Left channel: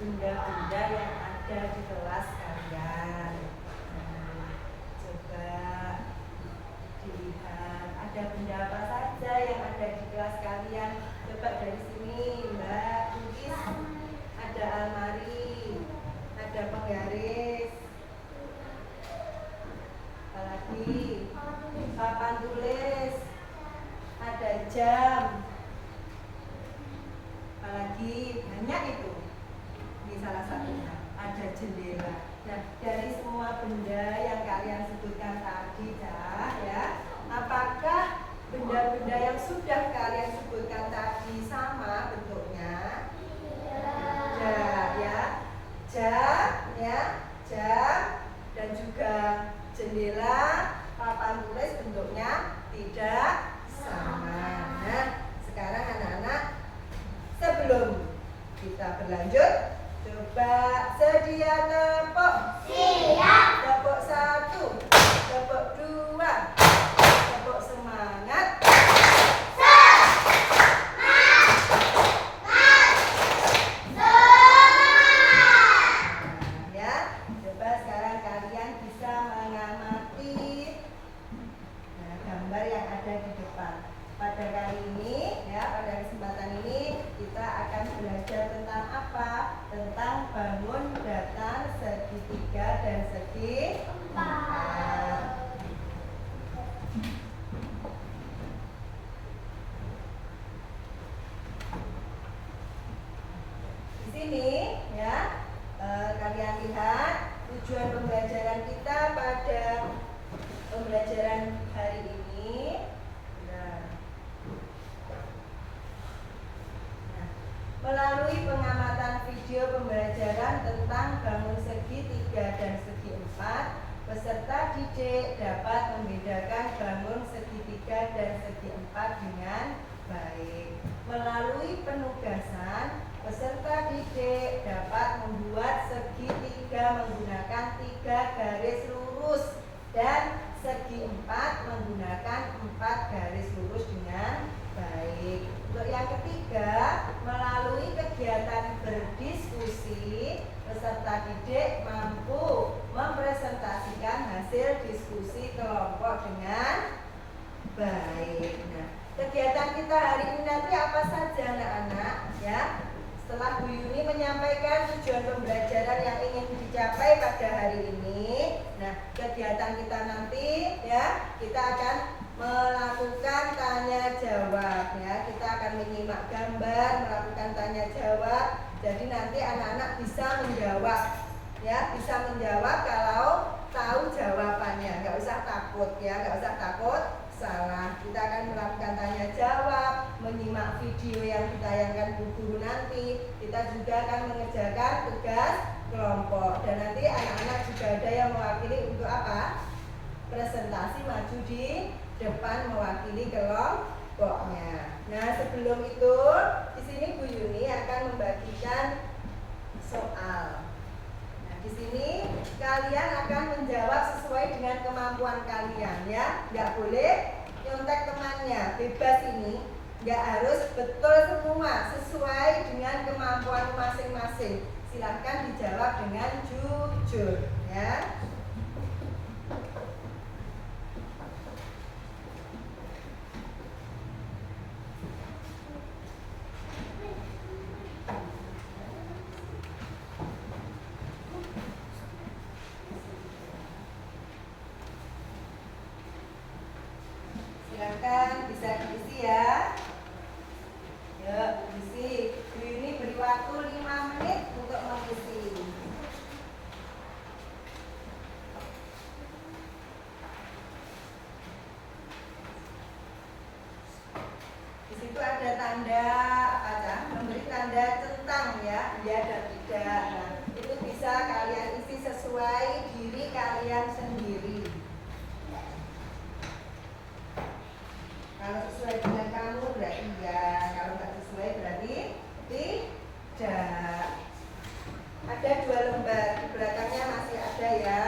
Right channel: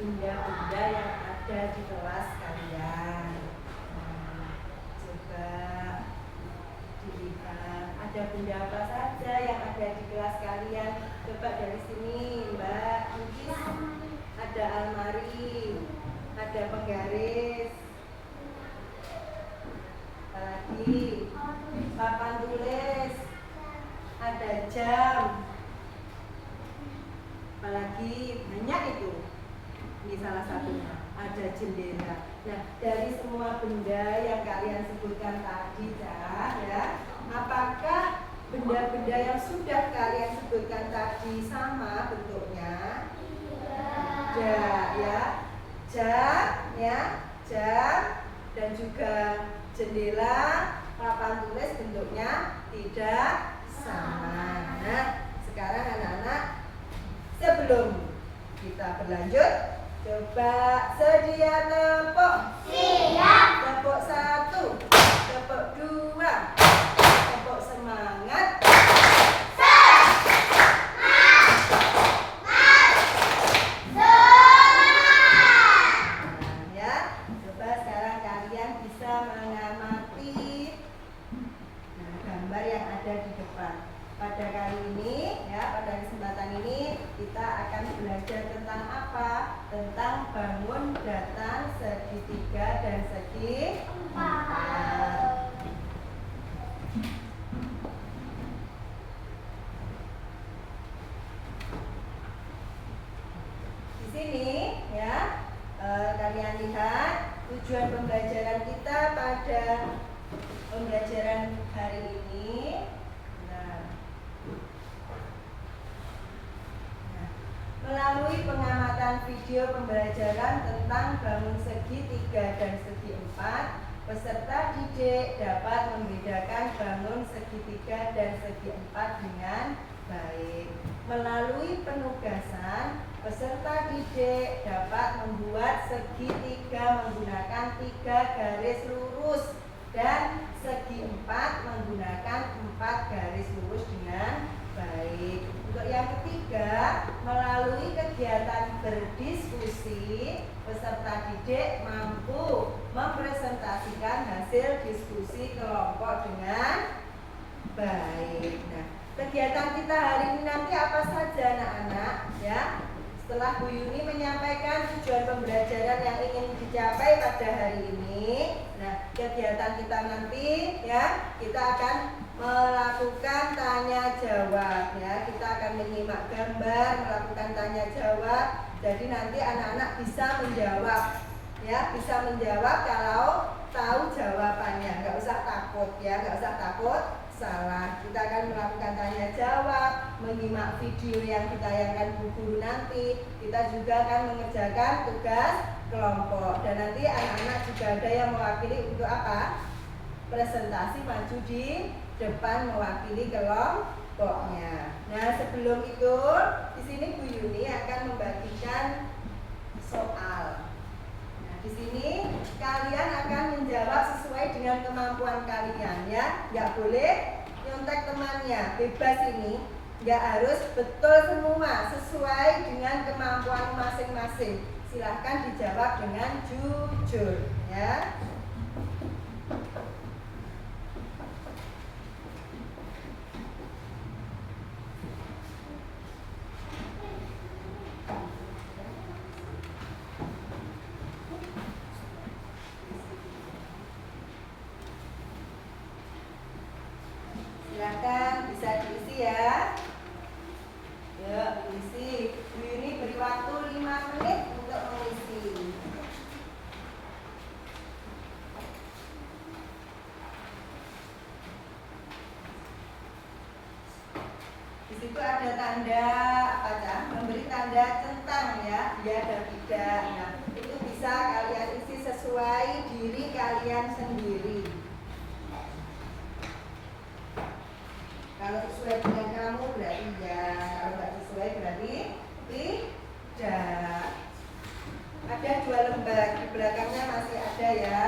benda-benda yang ada di kelas kalian. Nah, coba dilihat ada benda apa saja yang ada di kelas kalian. Coba dari sini Mbak Mungkis, ada almari, ada penggaris, apalagi papan tulis, ada jam, apalagi banyak itu. Ini salah satunya, ada jendela. Nah, dari semua benda yang kalian sebutkan tadi ya, apakah benda-benda yang sudah kalian sebutkan tadi sama bentuknya? Ya, jam, dan juga jendela, papan tulis bentuknya tidak sama. Nah, sekarang anak-anak, sebelum kita berlanjut, coba sedia tepuk. Siap. Tepuk 1, tepuk 2, tepuk semangat. Pada kali ini, pada kesempatan ini kita akan belajar tentang apa? Tentang bangun datar segitiga dan segi 4. pembelajaran hari ini. Nah, melalui pengamatan video pembelajaran tentang bangun segi 3 dan segi 4, peserta didik dapat membedakan bangun segi 3 dan segi 4 dengan baik. Melalui penugasan, peserta didik dapat membuat segi 3 menggunakan 3 garis lurus dan segi 4 menggunakan 4 garis lurus dengan baik. Untuk yang ketiga, melalui kegiatan berdiskusi, peserta didik mampu mempresentasikan hasil diskusi kelompok dengan baik. Nah, kegiatan kita hari ini nanti apa saja anak-anak ya? Setelah Bu Yuni menyampaikan tujuan pembelajaran yang ingin dicapai pada hari ini, nah kegiatan kita nanti ya, kita akan melakukan tanya jawab ya. Kita akan menyimak gambar, melakukan tanya jawab. Jadi nanti anak-anak bisa menjawab ya, bisa menjawab kalau tahu jawabannya. Nggak usah takut ya, nggak usah takut salah. Kita akan melakukan tanya jawab, menyimak video yang ditayangkan Bu Guru nanti. Kita juga akan mengerjakan tugas kelompok. Dan nanti anak-anak juga ada yang mewakili untuk apa? Presentasi maju di depan mewakili kelompoknya. Nah, sebelum itu di sini Bu Yuni akan membagikan soal. Nah, di sini kalian akan menjawab sesuai dengan kemampuan kalian ya. Nggak boleh nyontek temannya, bebas ini. Nggak harus betul semua, sesuai dengan kemampuan masing-masing. Silahkan dijawab dengan jujur ya. Silakan bisa diisi ya. Yuk, isi. Bu Yuni beri waktu 5 menit untuk mengisi. Di situ ada tanda apa ya? Memberi tanda centang ya, ya dan tidak. Nah, itu bisa kalian isi sesuai diri kalian sendiri. Kalau sesuai dengan kamu berarti ya, kalau nggak sesuai berarti tidak. Ada 2 lembar, di belakangnya masih ada ya.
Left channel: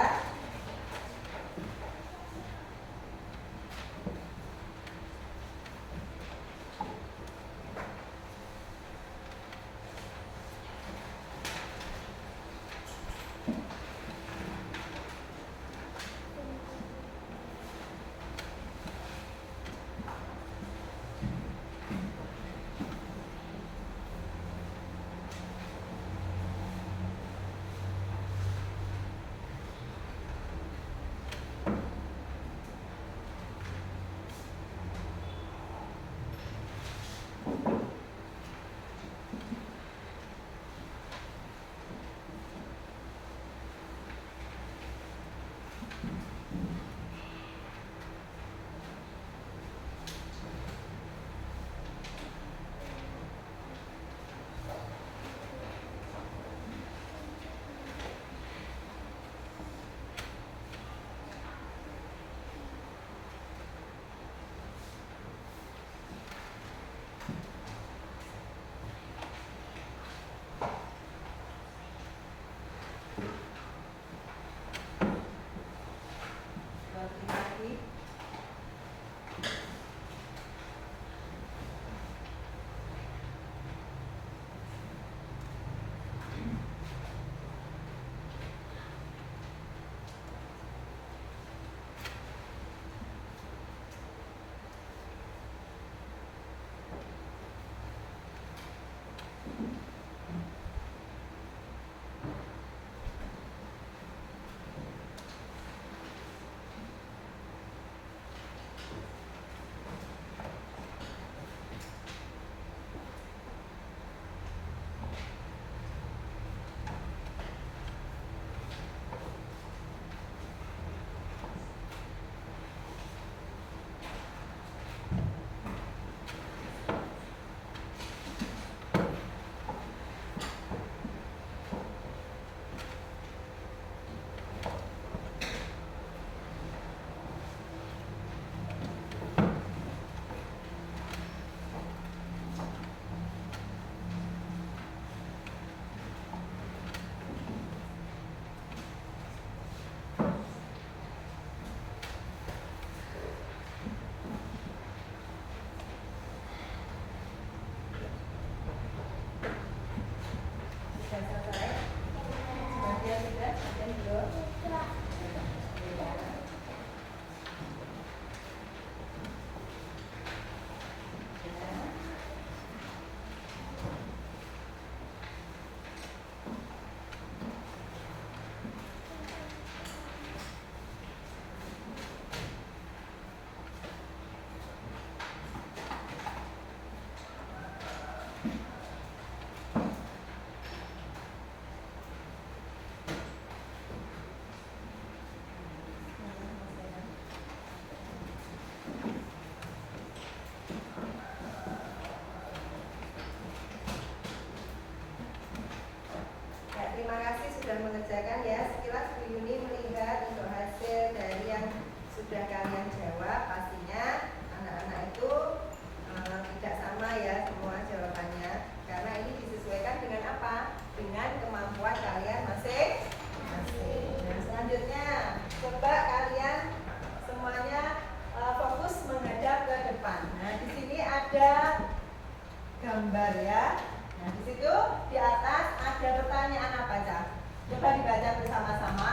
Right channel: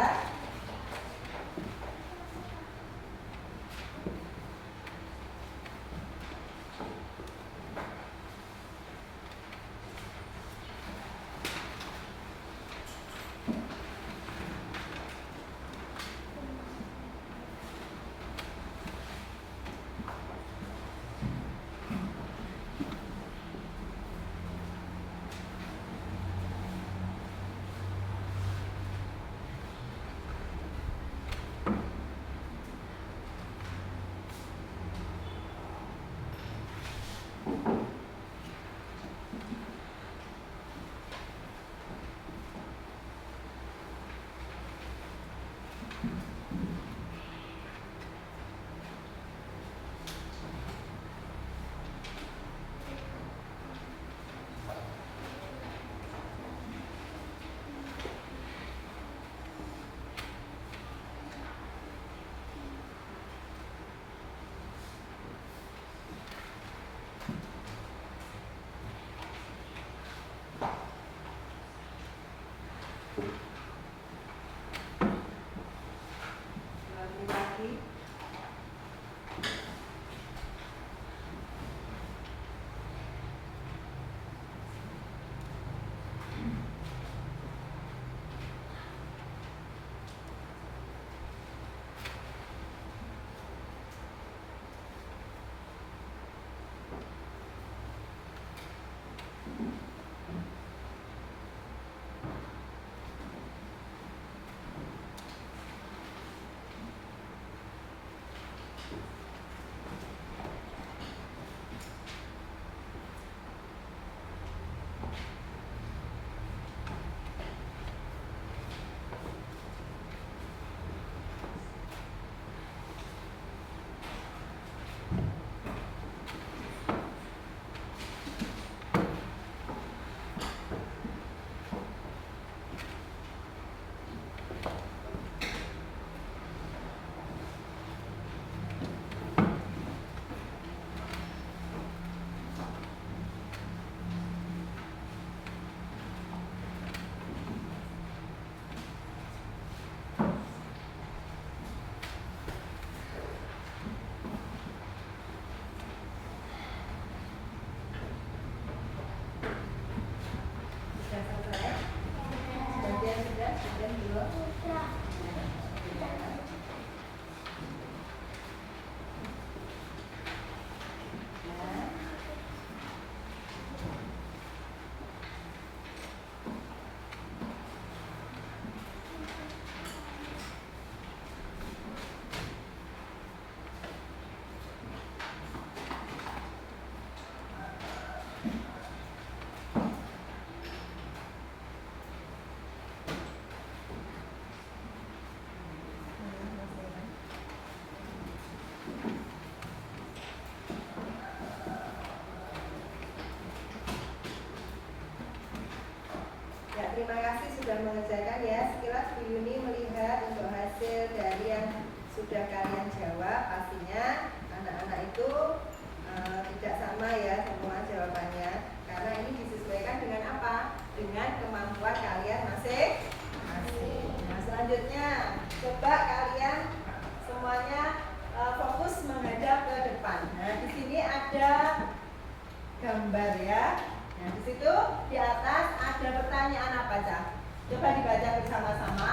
gambar ya. Nah, di situ di atas ada pertanyaan apa, Cak? Coba dibaca bersama-sama.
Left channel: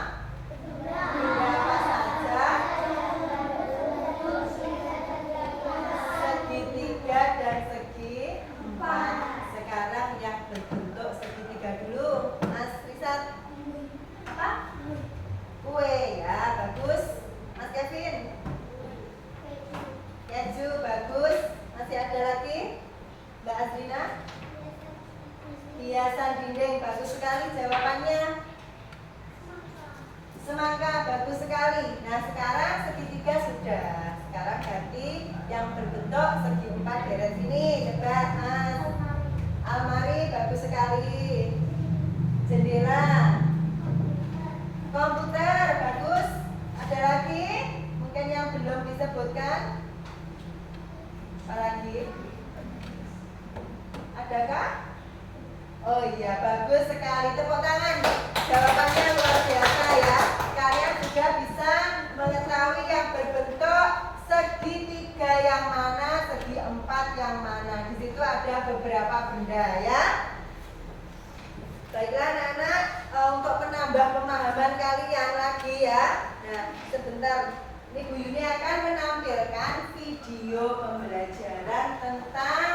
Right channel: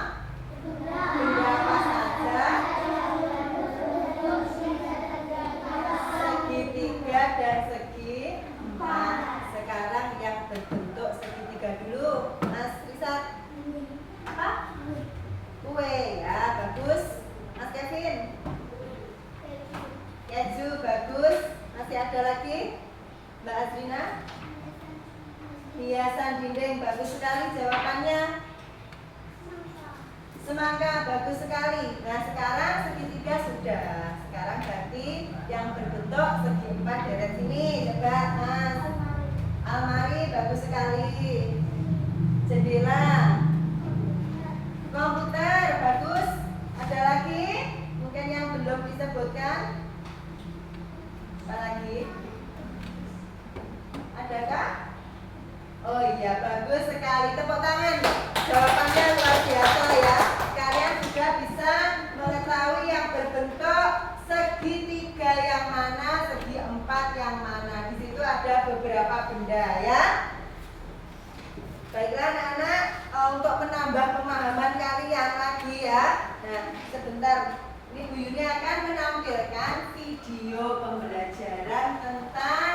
Benda apa saja segitiga dan segi empat. Sekarang yang berbentuk segitiga dulu. Mas Rizat. Apa? Kue ya, bagus. Mas Kevin. Keju, bagus. Masih ada lagi? Mbak Azrina. Hiasan dinding, bagus sekali jawabannya. Semangka, bagus sekali. Nah, sekarang segitiga sudah. Sekarang ganti yang berbentuk segi empat deret sini. Coba, Mas. Almari, bagus sekali. Jendela. Komputer, bagus. Ada lagi? Mungkin yang belum disebutkan. Apa lagi? Adakah? Oh iya, bagus sekali. Tepuk tangan. Jawabannya luar biasa ya. Kalian juga bisa mengetahui yang berbentuk segitiga yang mana, segi empat yang mana. Di situ ada beberapa benda ya. Baiklah anak-anak, untuk menambah pemahaman kalian lagi ya. Nah, sebentar. Ini Bu Yuni akan menampilkan video pembelajaran tentang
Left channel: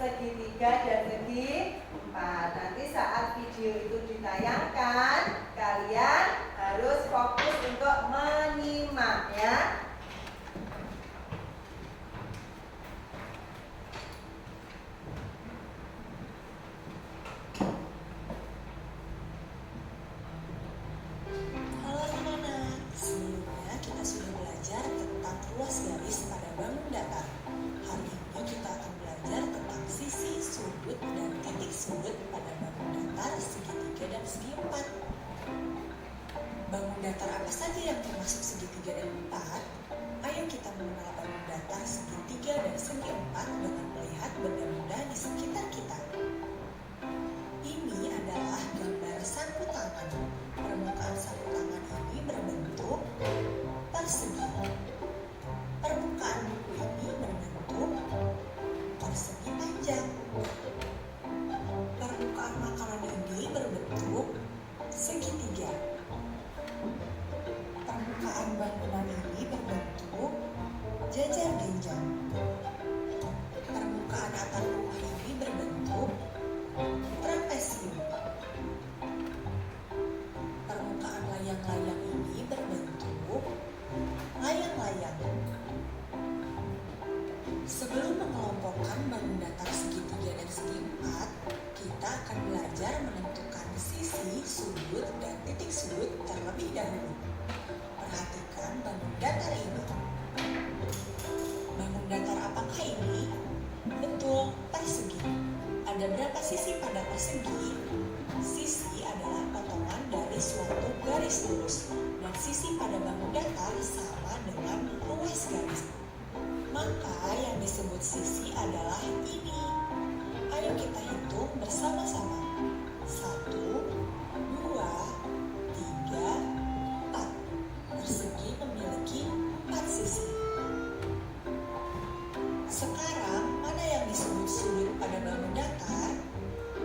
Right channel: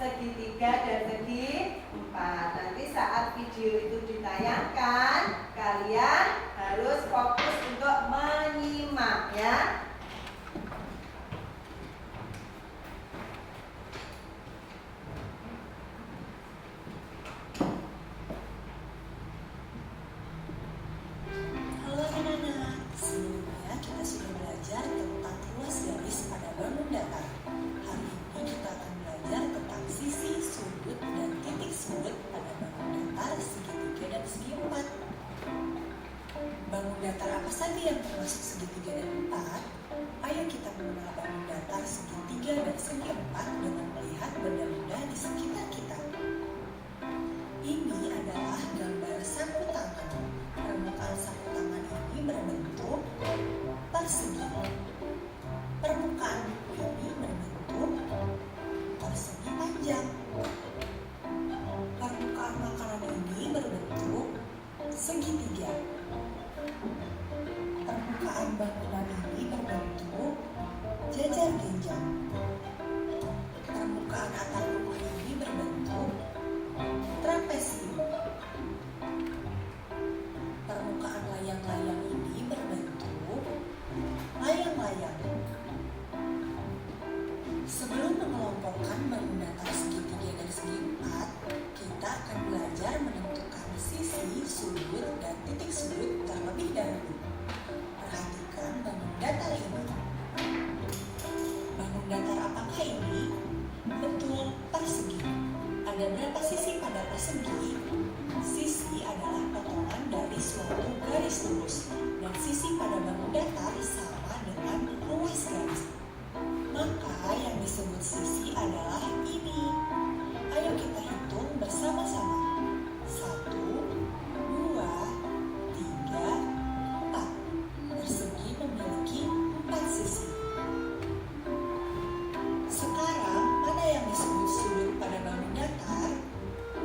segitiga dan segi empat. Nanti saat video itu ditayangkan, kalian harus fokus untuk menyimak ya. Halo anak-anak, sebelumnya kita sudah belajar tentang ruas garis pada bangun datar. Hari ini kita akan belajar tentang sisi, sudut, dan titik sudut pada bangun datar, segitiga, dan segi empat. Bangun datar apa saja yang termasuk segitiga dan empat? Ayo kita mengenal bangun datar, segitiga, dan segi empat dengan melihat benda-benda di sekitar kita. Ini adalah gambar sapu tangan. Permukaan sapu tangan ini berbentuk persegi. Permukaan buku ini berbentuk persegi panjang. Permukaan makanan ini berbentuk segitiga. Permukaan bangunan ini berbentuk jajar genjang. Permukaan atap rumah ini berbentuk trapesium. Permukaan layang-layang ini berbentuk layang-layang. Sebelum mengelompokkan bangun datar segitiga dan segi empat, kita akan belajar menentukan sisi, sudut, dan titik sudut terlebih dahulu. Perhatikan bangun datar ini. Bangun datar apakah ini? Betul, persegi. Ada berapa sisi pada persegi? Sisi adalah potongan dari suatu garis lurus, dan sisi pada bangun datar sama dengan ruas garis. Maka yang disebut sisi adalah ini. Ayo kita hitung bersama-sama. 1, 2, 3, 4. Persegi memiliki 4 sisi. Sekarang, mana yang disebut sudut pada bangun datar?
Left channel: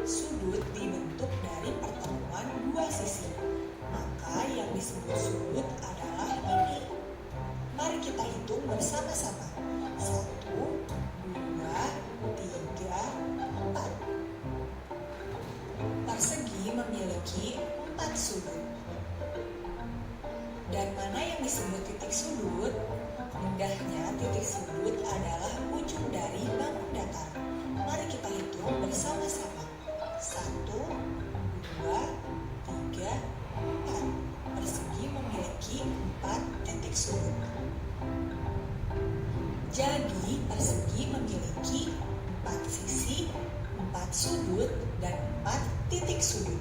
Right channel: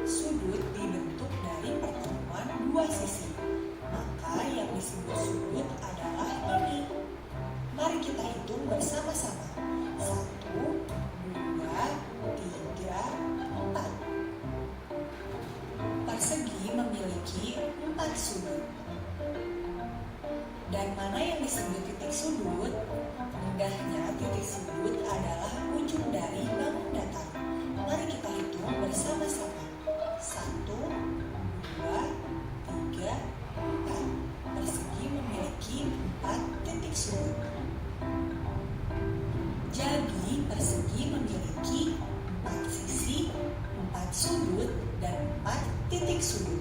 Sudut dibentuk dari pertemuan dua sisi. Maka yang disebut sudut adalah ini. Mari kita hitung bersama-sama. 1, 2, 3, 4. Persegi memiliki 4 sudut. Dan mana yang disebut titik sudut? Mudahnya, titik sudut adalah ujung dari bangun datar. Mari kita hitung bersama-sama. 1, 2, 3, 4. Persegi memiliki 4 titik sudut. Jadi, persegi memiliki 4 sisi, 4 sudut, dan 4 titik sudut.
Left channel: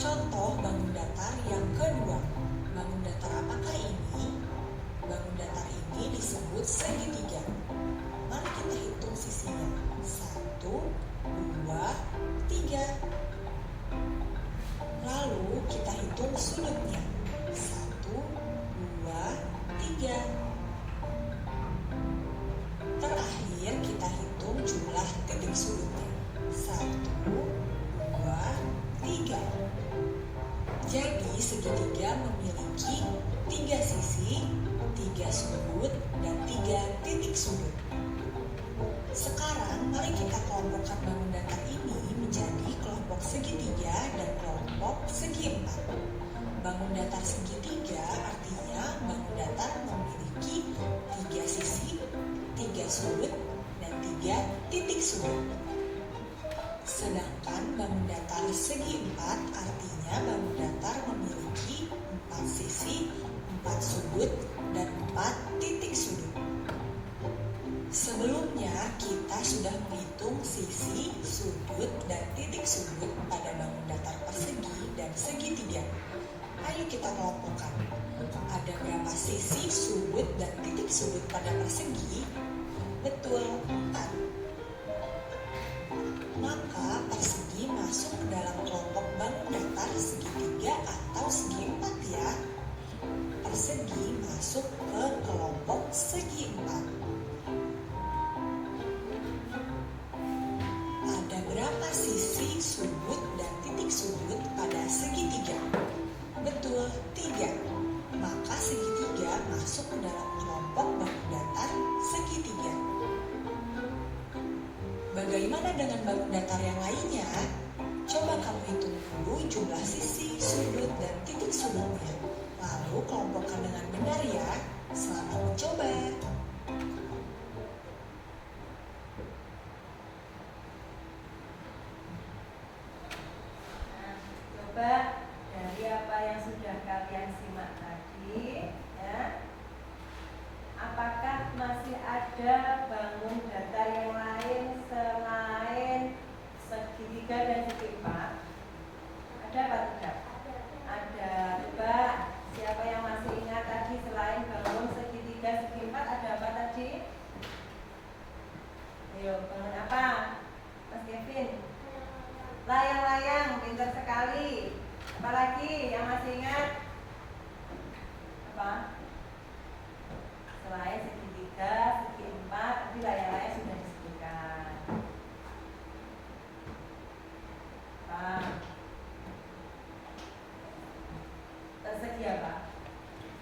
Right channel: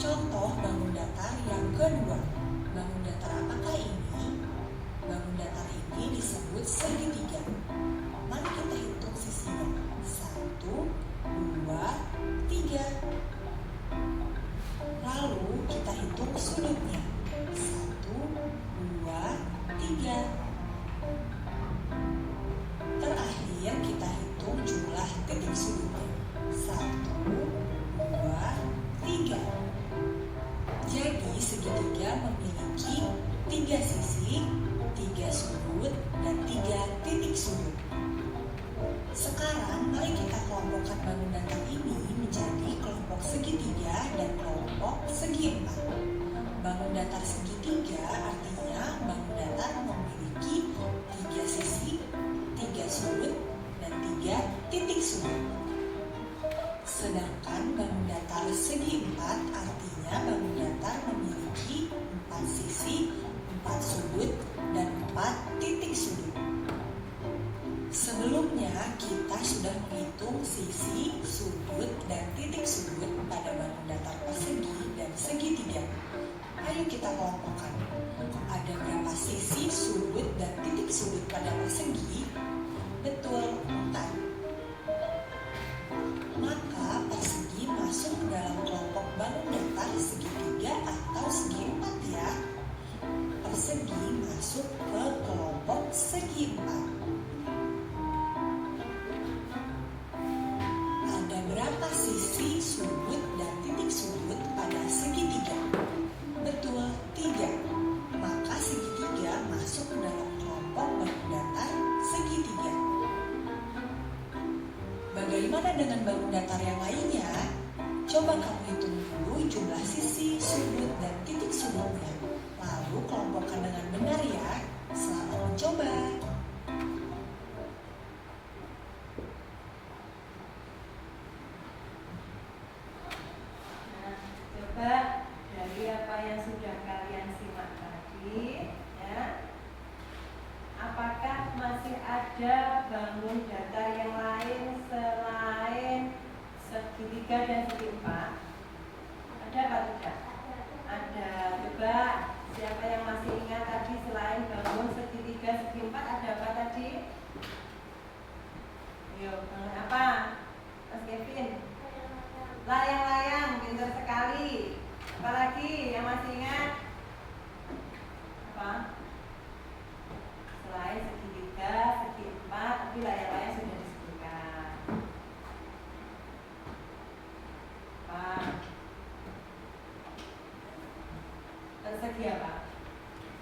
Contoh bangun datar yang kedua. Bangun datar apakah ini? Bangun datar ini disebut segitiga. Mari kita hitung sisinya. 1, 2, 3. Lalu kita hitung sudutnya. 1, 2, 3. Terakhir 3 sudut, dan 3 titik sudut. Sekarang mari kita kelompokkan bangun datar ini menjadi kelompok segitiga dan kelompok segi empat. Bangun datar segitiga artinya bangun datar memiliki 3 sisi, 3 sudut, dan 3 titik sudut. Sedangkan bangun datar segi empat artinya bangun datar memiliki 4 sisi, 4 sudut, dan 4 titik sudut. Sebelumnya kita sudah menghitung sisi, sudut, dan titik sudut pada bangun datar persegi dan segitiga. Ayo kita kelompokkan. Ada berapa sisi, sudut, dan titik sudut pada persegi? Betul, 4. Maka persegi masuk ke dalam kelompok bangun datar segitiga atau segi empat ya. Persegi masuk ke kelompok segi empat. Ada berapa sisi, sudut, dan titik sudut pada segitiga? Betul, 3. Maka segitiga masuk ke dalam kelompok bangun datar segitiga. Bagaimana dengan bangun datar yang lainnya? Coba kamu hitung dulu jumlah sisi, sudut, dan titik sudutnya. Lalu kelompokkan dengan benar ya. Selamat mencoba. Nah, coba dari apa yang sudah kalian simak tadi, ya, apakah masih ada bangun datar yang lain selain segitiga dan segi empat? Ada apa tidak? Ada. Coba siapa yang masih ingat tadi selain bangun segitiga, segi empat ada apa tadi? Ayo, bangun apa? Mas Kevin? Layang-layang, pintar sekali. Apalagi yang masih ingat? Apa? Selain segitiga, segi empat, tapi layang-layang sudah disebutkan. Apa? Persegi apa?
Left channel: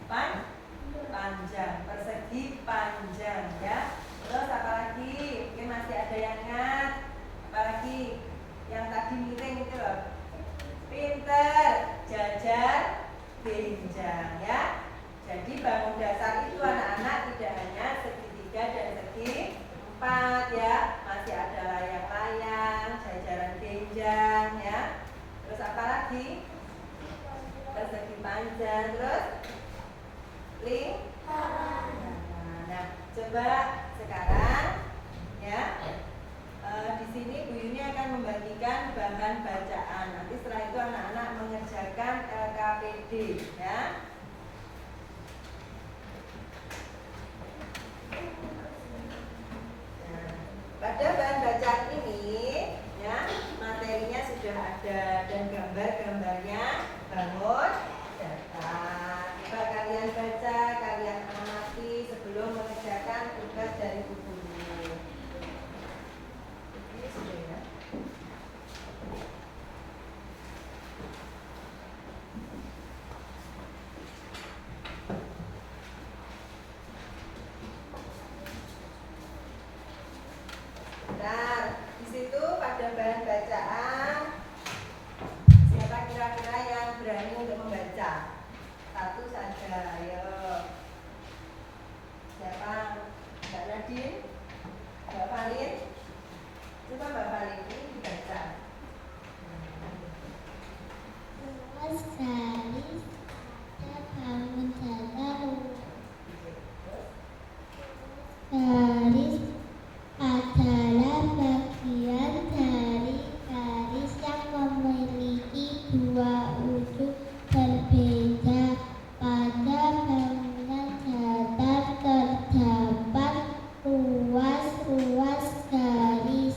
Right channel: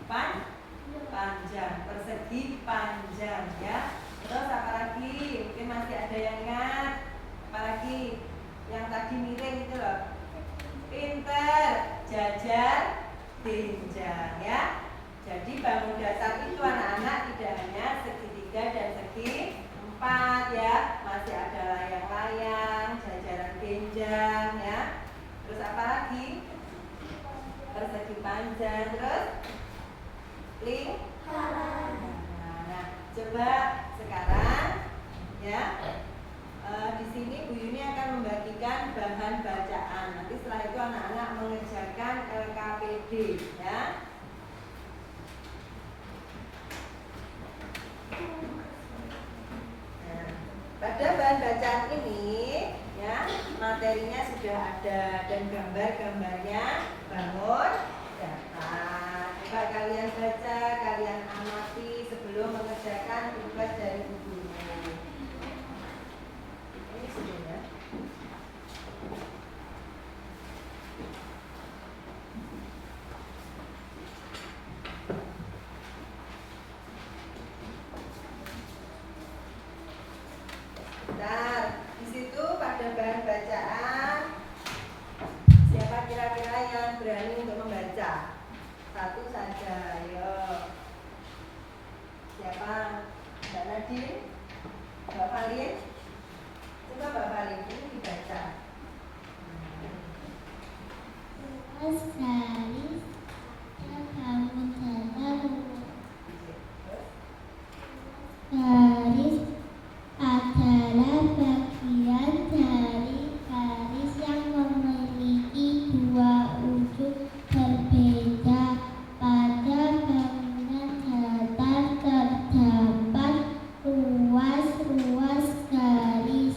Panjang. Persegi panjang ya. Terus apa lagi? Mungkin masih ada yang ingat. Apa lagi? Yang tadi miring itu loh. Pinter, jajar, benjang ya. Jadi bangun datar itu anak-anak tidak hanya segitiga dan segi empat ya. Masih ada layang-layang, jajaran benjang ya. Terus apa lagi? Persegi panjang. Terus lingkaran. Nah, coba sekarang ya. Di sini Bu Yuni akan membagikan bahan bacaan. Nanti setelah itu anak-anak mengerjakan LKPD ya. Nah, pada bahan bacaan ini ya, materinya sudah ada dan gambar-gambarnya bangun datar. Coba kalian baca, kalian amati sebelum mengerjakan tugas dari Bu Guru. Ini sudah ya. Nah, di situ pada bahan bacaan siapa kira-kira yang berani untuk membaca? Satu saja, ayo. Siapa? Mbak Nadine? Mbak Valin? Coba Mbak Valin, ini dibaca. Luas garis ada bangun datar. Garis adalah bagian dari garis yang memiliki dua ujung berbeda. Pada bangunan datar terdapat ruas garis.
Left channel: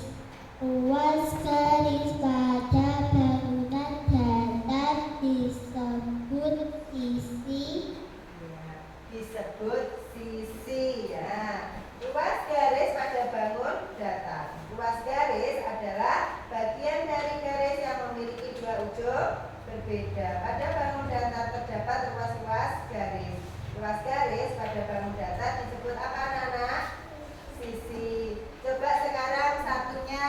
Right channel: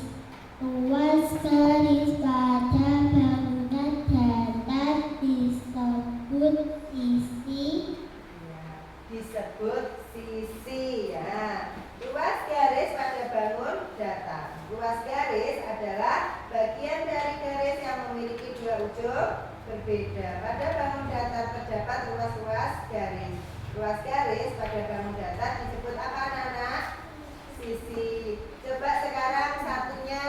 Ruas garis pada bangunan datar disebut sisi. Ya, disebut sisi ya. Ruas garis pada bangun datar. Ruas garis adalah bagian dari garis yang memiliki dua ujung berbeda. Pada bangun datar terdapat ruas-ruas garis. Ruas garis garis pada bangun datar disebut apa anak-anak? Sisi. Coba sekarang satunya.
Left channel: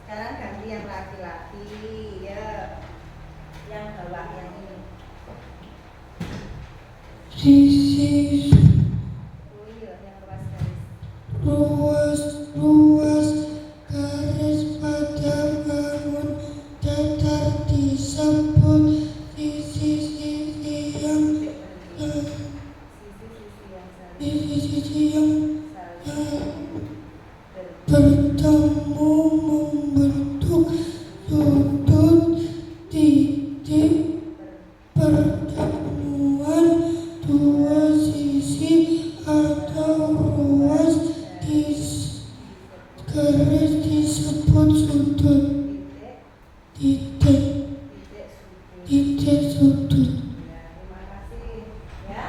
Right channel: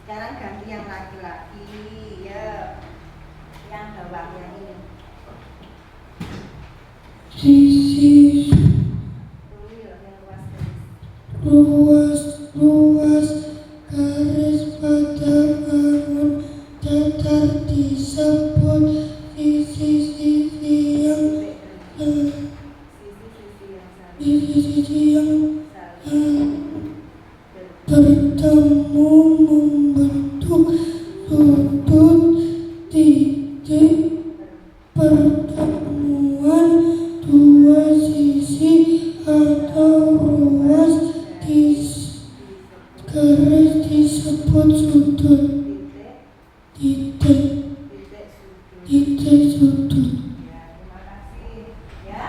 Sekarang ganti yang laki-laki ya. Yang bawah yang ini. Sisi Oh iya, yang luas garis. luas garis pada bangun datar disebut sisi-sisi yang Sisi-sisi yang saling bertemu membentuk sudut titik pertemuan dua sisi atau ruas di garis disebut sudut. Titik sudut. Ya, terima kasih. Ya.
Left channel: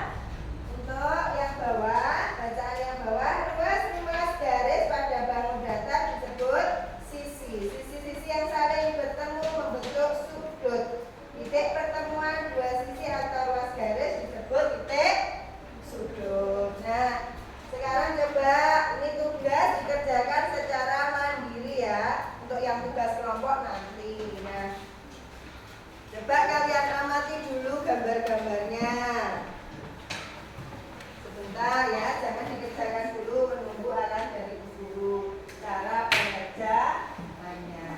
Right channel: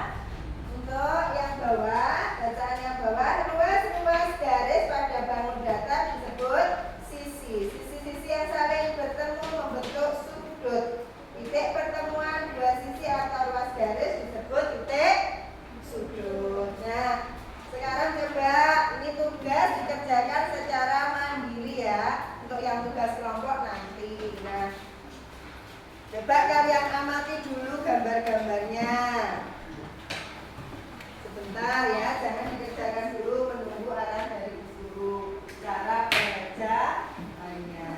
Untuk yang bawah, bacaan yang bawah, ruas garis pada bangun datar disebut sisi. Sisi-sisi yang saling bertemu membentuk sudut. Titik pertemuan dua sisi atau ruas garis disebut titik sudut. Nah, sekarang coba ini tugas dikerjakan secara mandiri ya. Untuk yang tugas kelompok nanti. Nah, coba kalian amati dulu gambar-gambarnya. Sebentar ya, jangan dikerjakan dulu menunggu arahan dari guru. Cara pengerjaannya.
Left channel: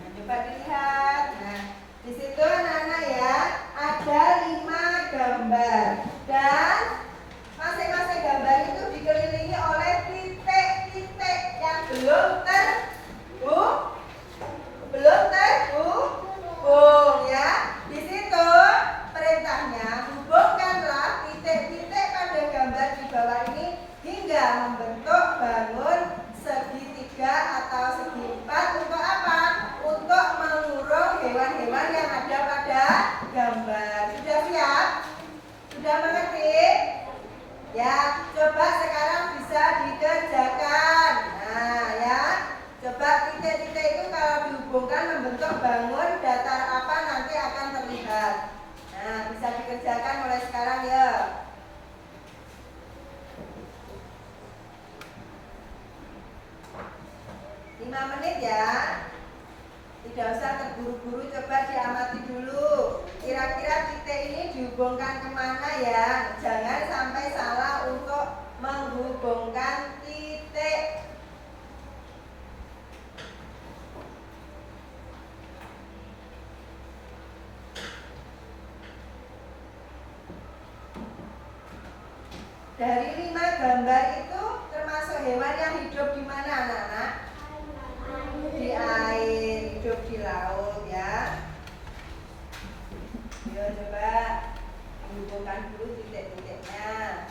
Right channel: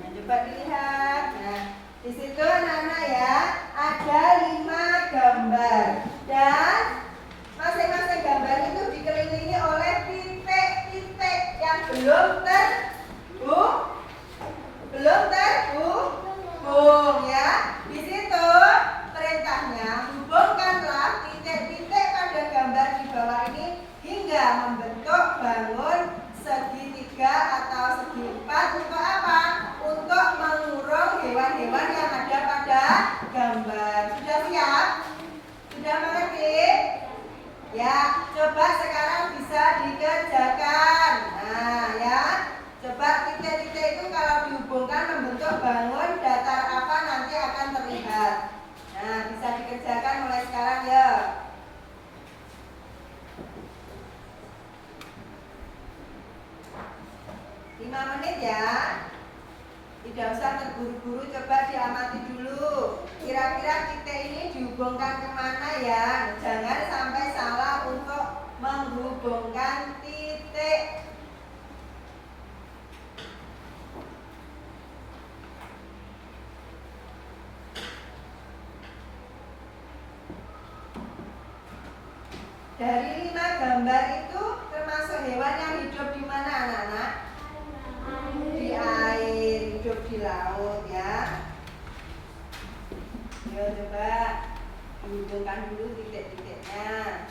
Nah, coba dilihat. Nah, di situ anak-anak ya, ada 5 gambar dan masing-masing gambar itu dikelilingi oleh titik-titik yang belum terhubung ya. Di situ perintahnya hubungkanlah titik-titik pada gambar di bawah ini hingga membentuk bangun segitiga atau segi empat. Untuk apa? Untuk mengurung hewan-hewan yang ada pada gambar. Sudah siap? Sudah mengerti? Ya, coba sekarang bisa dikerjakan. Nah, ya. Coba titik-titik itu kalau dihubungkan membentuk bangun datar apa nanti akan terlihat. Nah, bisa dikerjakan mulai sekarang ya. 5 menit ya. Tidak usah terburu-buru, coba diamati dulu. Kira-kira titik ini dihubungkan kemana ya? Jangan sampai salah untuk menghubungkan titik. Dari 5 gambar itu termasuk hewan yang hidup di mana anak-anak? Di air, hidup di laut ya. Ayo coba hubungkan dulu titik-titiknya.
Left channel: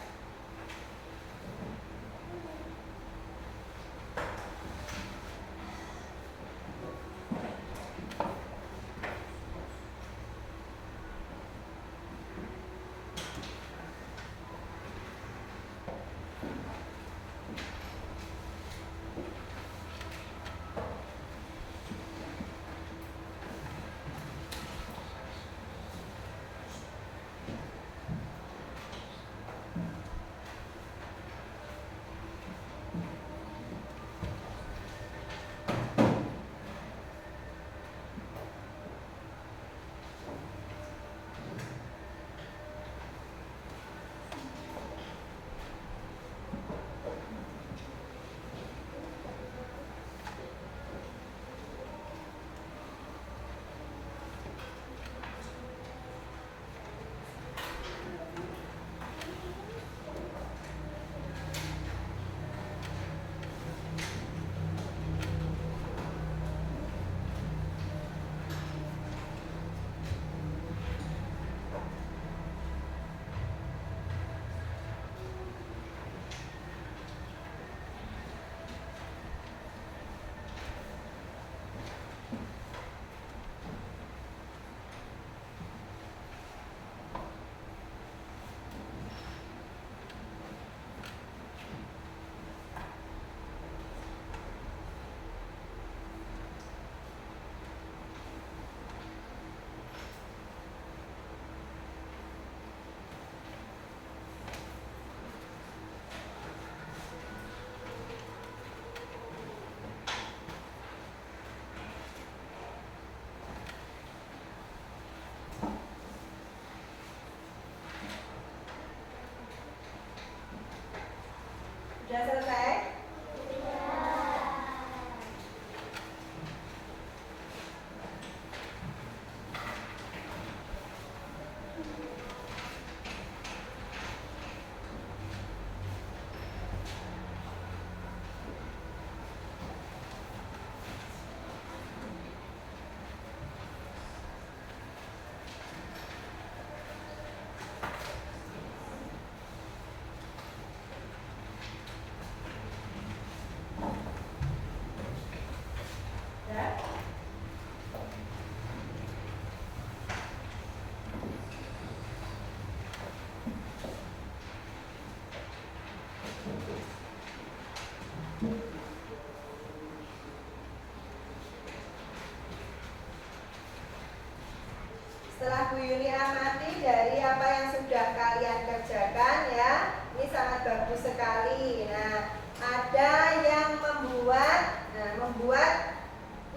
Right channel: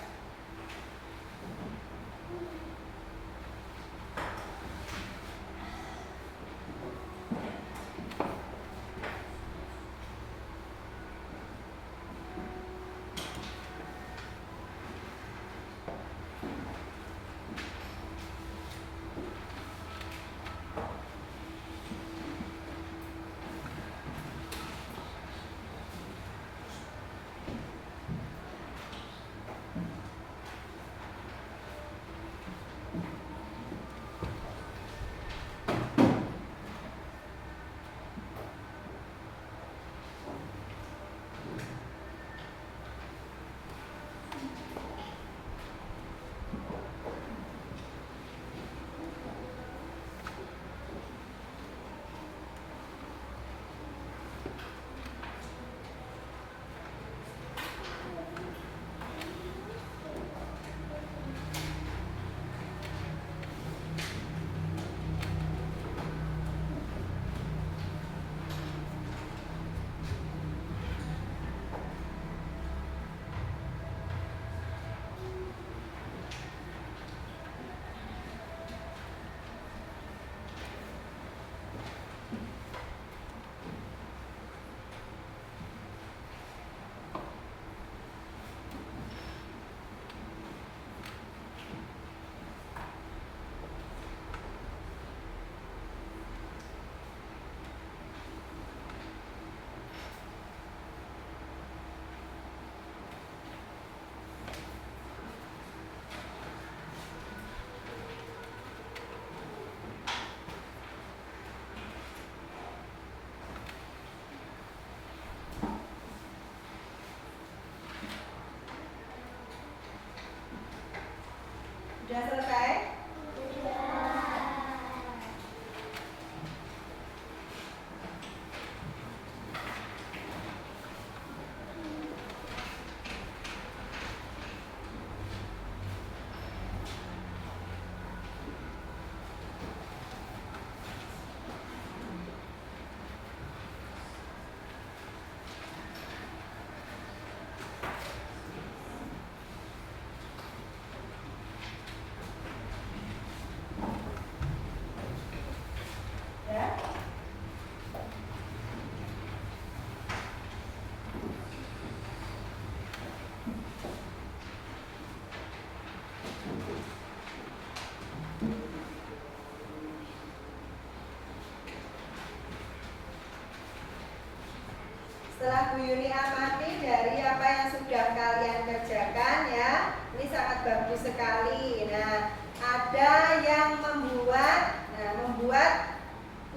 setelah Bu Yuni amati dari apa yang sudah kalian kerjakan ya, ini sangat bagus sekali. Nah, ada yang membuat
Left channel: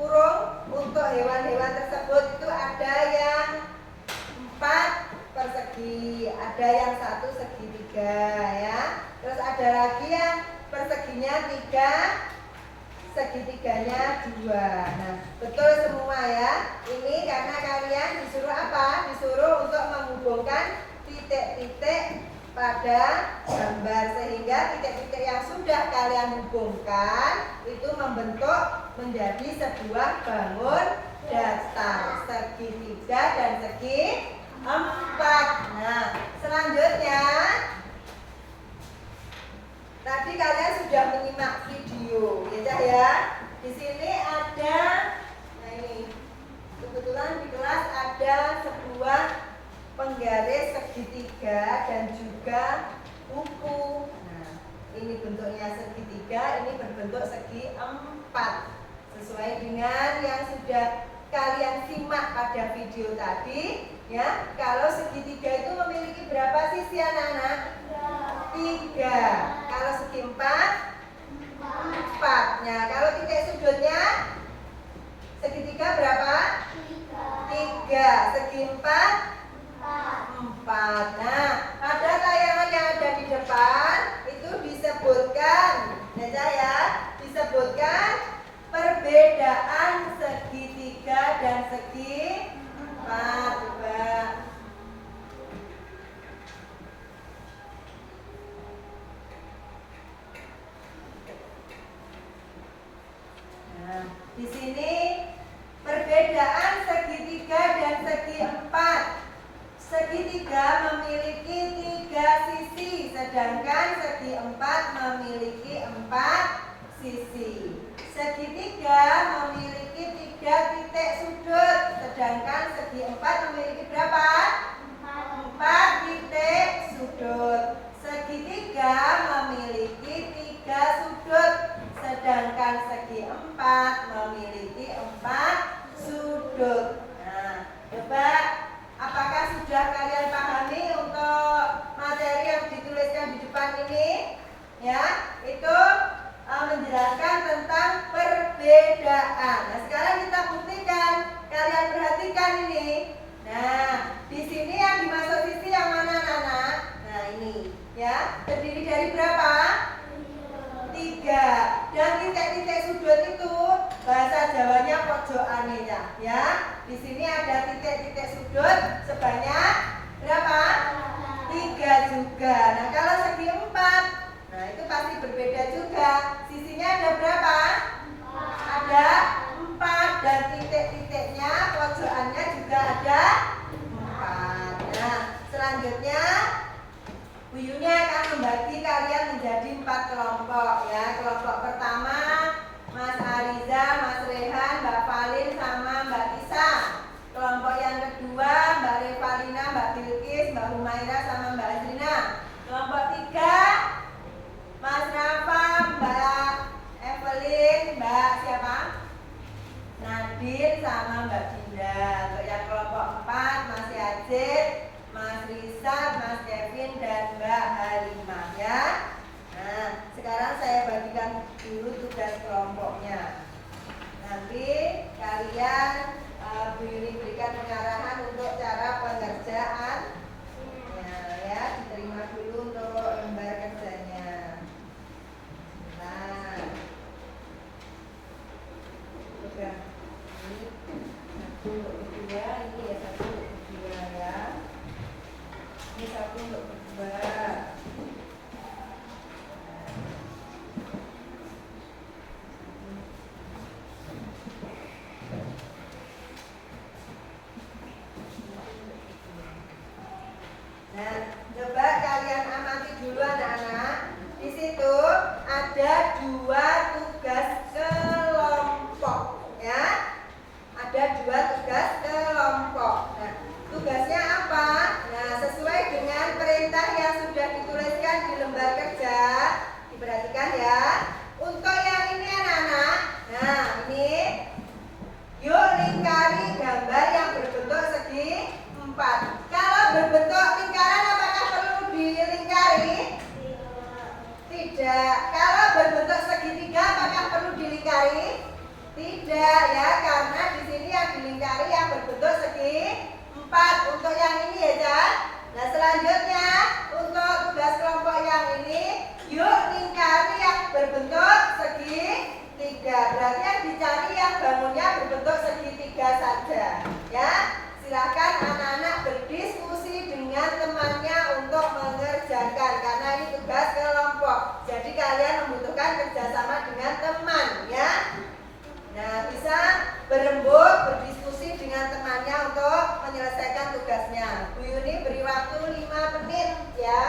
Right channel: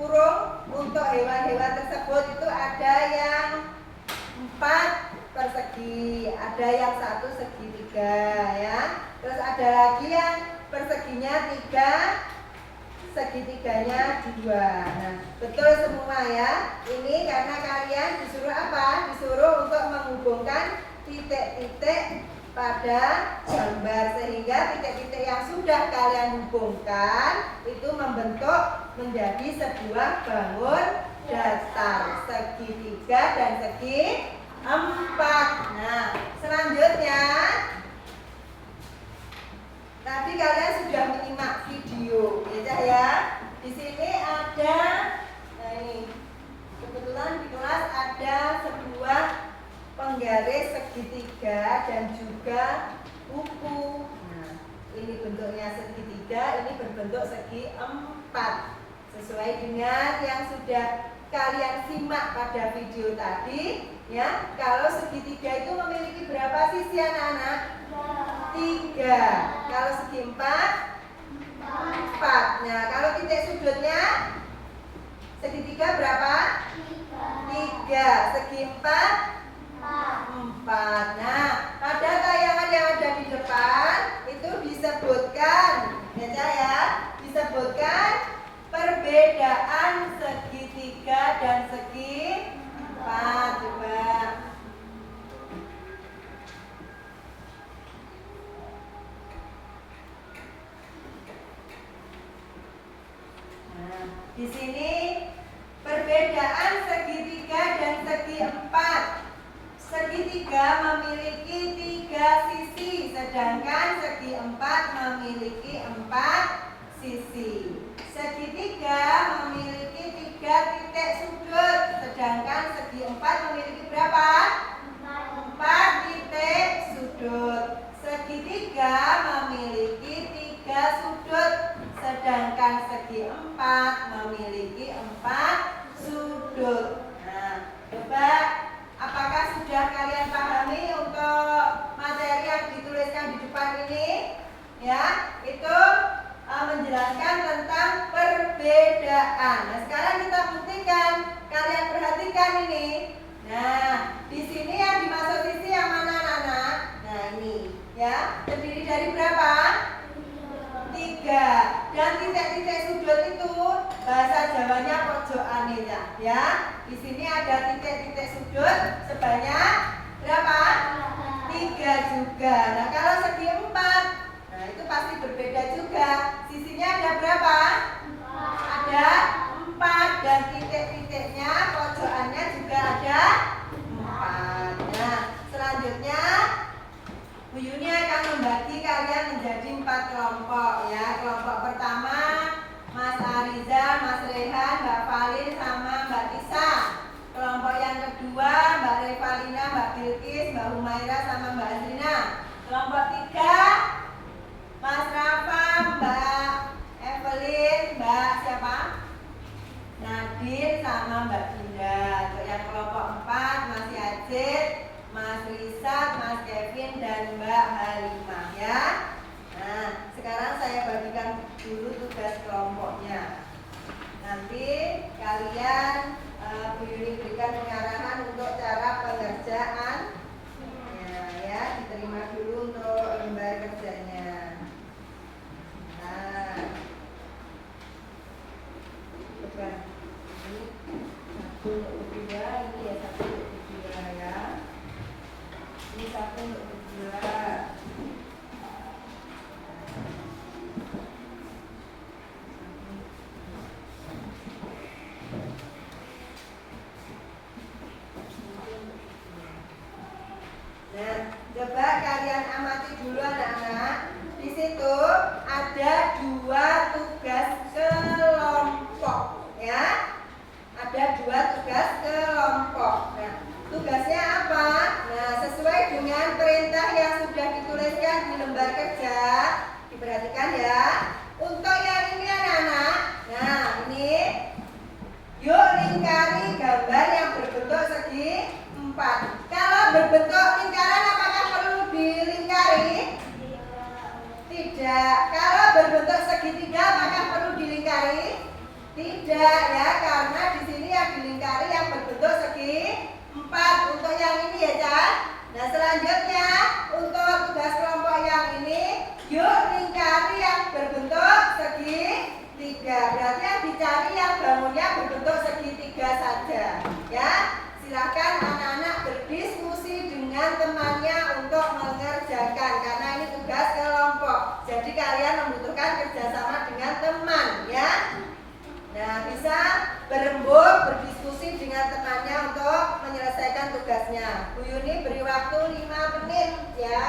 kurung untuk hewan-hewan tersebut itu ada yang 4 persegi, ada yang 1 segitiga ya. Terus ada lagi yang perseginya 3, segitiganya 2. Nah, betul semua ya. Ini karena kalian disuruh apa? Disuruh untuk menghubungkan titik-titik pada gambar, sehingga titik-titik yang sudah kalian hubungkan itu membentuk menjadi sebuah bangun datar segitiga dan segi 4. Nah, selanjutnya tadi kalian sudah menyimak video, ya. Di sini ada, nah ini kebetulan di kelas ada sebuah penggaris segitiga dan juga buku. Nah, ini bentuknya segitiga, ini berbentuk segi 4. Sesuai dengan yang sudah kalian simak pada video tadi, ya. Kalau segitiga itu memiliki berapa sisi anak-anak? 3. Kalau segi 4? 4. Nah, kalau titik sudutnya segitiga berapa? 3. Segi 4? 4. Nah, pada tayangan yang ada di depan itu disebutkan, ya, disebutkan perbedaan segitiga dan segi 4. Coba. Nah, di sini perbedaan segitiga dan segi 4. Segitiga memiliki 3 sisi, sedangkan segi 4 memiliki 4 sisi. Segitiga memiliki 3 titik sudut, sedangkan segi 4 memiliki berapa? 4 titik sudut. Segitiga memiliki 3 sudut, sedangkan segi 4 memiliki 4 sudut. Nah, coba apakah sudah kalian pahami untuk materi yang dituliskan di depan ini? Ya, itu menjelaskan tentang perbedaan. Nah, sekarang kita buktikan. Kalian perhatikan ini. Nah, di sini yang dimaksud sisi yang mana, anak-anak? Nah, ini ya, terdiri dari berapa? 3. Dan titik-titik sudut itu bahasa Jawanya pojokan ya. Di sini ada titik-titik sudut sebanyak berapa? 3 juga. Nah, kalau segi 4, nah itu pasti berbeda juga. Sisinya ada berapa? Ada 4 dan titik-titiknya pojokannya juga ada 4. Nah, selanjutnya Bu Yuni akan membagi kalian menjadi 4 kelompok ya. Kelompok pertama Mas Ariza, Mas Rehan, Mbak Valin sama Mbak Tisa. Kelompok yang kedua Mbak Revalina, Mbak Bilkis, Mbak Humaira sama Mbak Azrina. Kelompok 3 Mas Rafa, Mbak Evelyn, Mbak siapa? Nadir sama Mbak Dinda. Untuk yang kelompok 4 Mas Yazid, Mas Rizal, Mas Kevin dan Mbak Halimah ya. Nah, sekarang saya bagikan dulu tugas kelompoknya. Nanti kalian Bu Yuni berikan pengarahan untuk cara pengerjaan. Ya, diterima dulu untuk lembar kerjanya. Nah, bukan ini satu untuk berdua, ini ya satu untuk berdua ya. Ini satu untuk berdua. Nah, coba kalian amati dulu anak-anak. Di situ ada 2 tugas kelompok ya. Ada 2 tugas kelompok. Nah, tugasnya apa? Nah, sesuai dengan perintah yang sudah dituliskan di lembar kerja, diperhatikan ya. Untuk yang ini anak-anak, nah ini, yuk lingkari gambar yang berbentuk segi 4. Kalau berbentuk lingkaran apakah perlu dilingkari? Tidak. Kalau berbentuk segitiga apakah perlu dilingkari? Tidak ya, karena di sini yang dilingkari yang berbentuk segi 4 untuk yang ini ya, Cak. Nah, selanjutnya untuk tugas kelompok yang ini, yuk lingkari yang berbentuk segi 3. Berarti yang dicari yang bangunnya berbentuk segitiga saja. Ya, silakan anak-anak berdiskusi dengan temannya untuk mengerjakan karena ini tugas kelompok. Jadi kalian membutuhkan kerjasama dengan teman, ya. Nah, bisa berembuk, berdiskusi dengan temannya untuk menyelesaikan tugasnya. Bu Yuni beri waktu 5 menit, ya.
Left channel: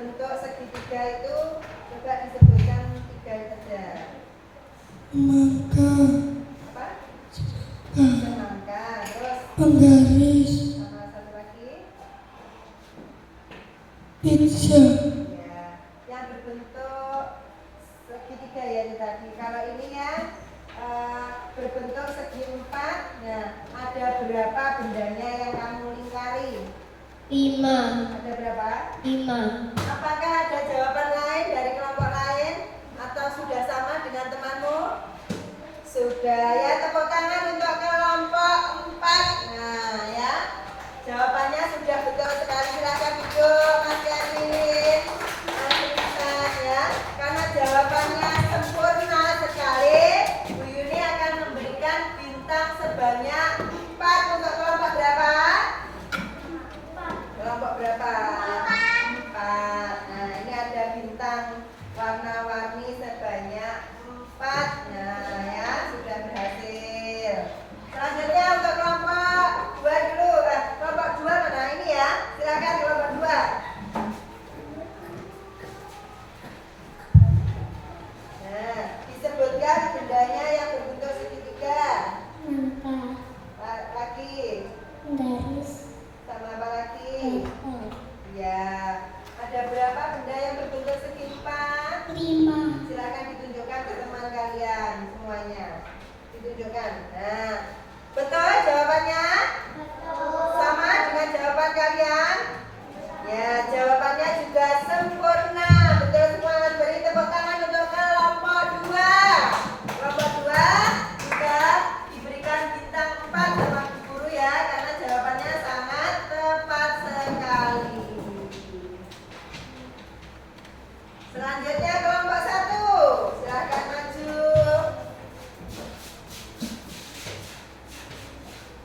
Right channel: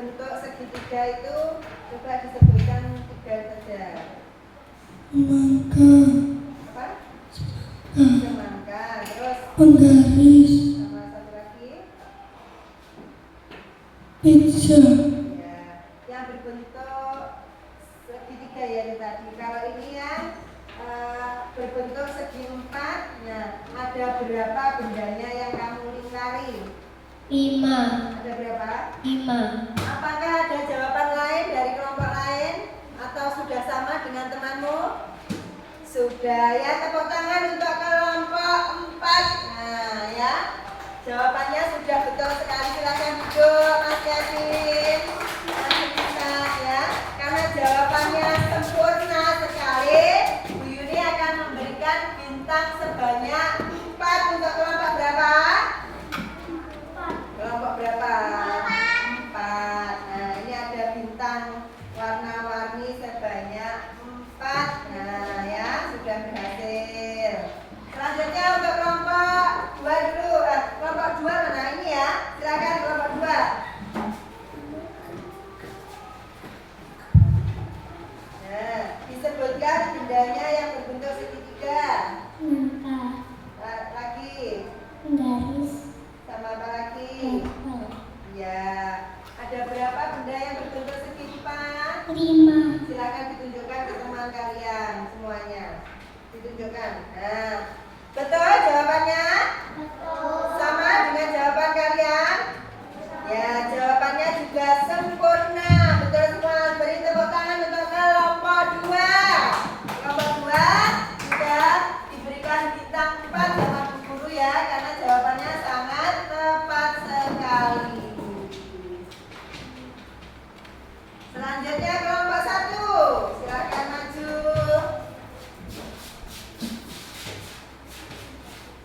berbentuk segitiga itu coba disebutkan 3 saja. Semangka, Apa? semangka, Semangka. Terus penggaris, sama satu lagi. pizza, Ya, yang berbentuk segitiga ya itu tadi. Kalau ini yang berbentuk segi 4, nah ada berapa bendanya yang kamu lingkari? 5, Ada berapa? 5. Apakah ada jawaban lain dari kelompok lain atau sudah sama dengan temanmu? Sudah ya, tepuk tangan untuk kelompok 4. Nah ya, jawabannya sudah betul sekali. Silakan duduk Mas Kevin, Mas Rizal ya. Karena jawabannya sempurna sekali, Bu Yuni akan memberikan bintang sebanyak 4 untuk kelompok berapa? Kelompok berapa? 4. Nah, ini ada bintang warna-warni sebanyak 4. Nah, ya, sudah berhasil. Selanjutnya untuk kelompok 2 dulu. Kelompok 2 mana ini ya? Silakan kelompok 2. Nah, disebutkan bendanya yang berbentuk segitiga. Semangka, Lagi. penggaris, Sama apa lagi? apel. Ya, ada berapa benda yang berbentuk segi 4? 5. Silakan ditunjukkan ke teman kalian semuanya. Ditunjukkan. Nah, betul jawabannya? Sama dengan jawaban kalian? Ya, jawabannya juga sempurna. Betul semua. Beri tepuk tangan untuk kelompok 2. Kelompok 2 juga diberikan bintang 4 sama Bu Guru ya, karena jawabannya sangat tepat sekali. Selanjutnya kelompok 1. Silakan maju.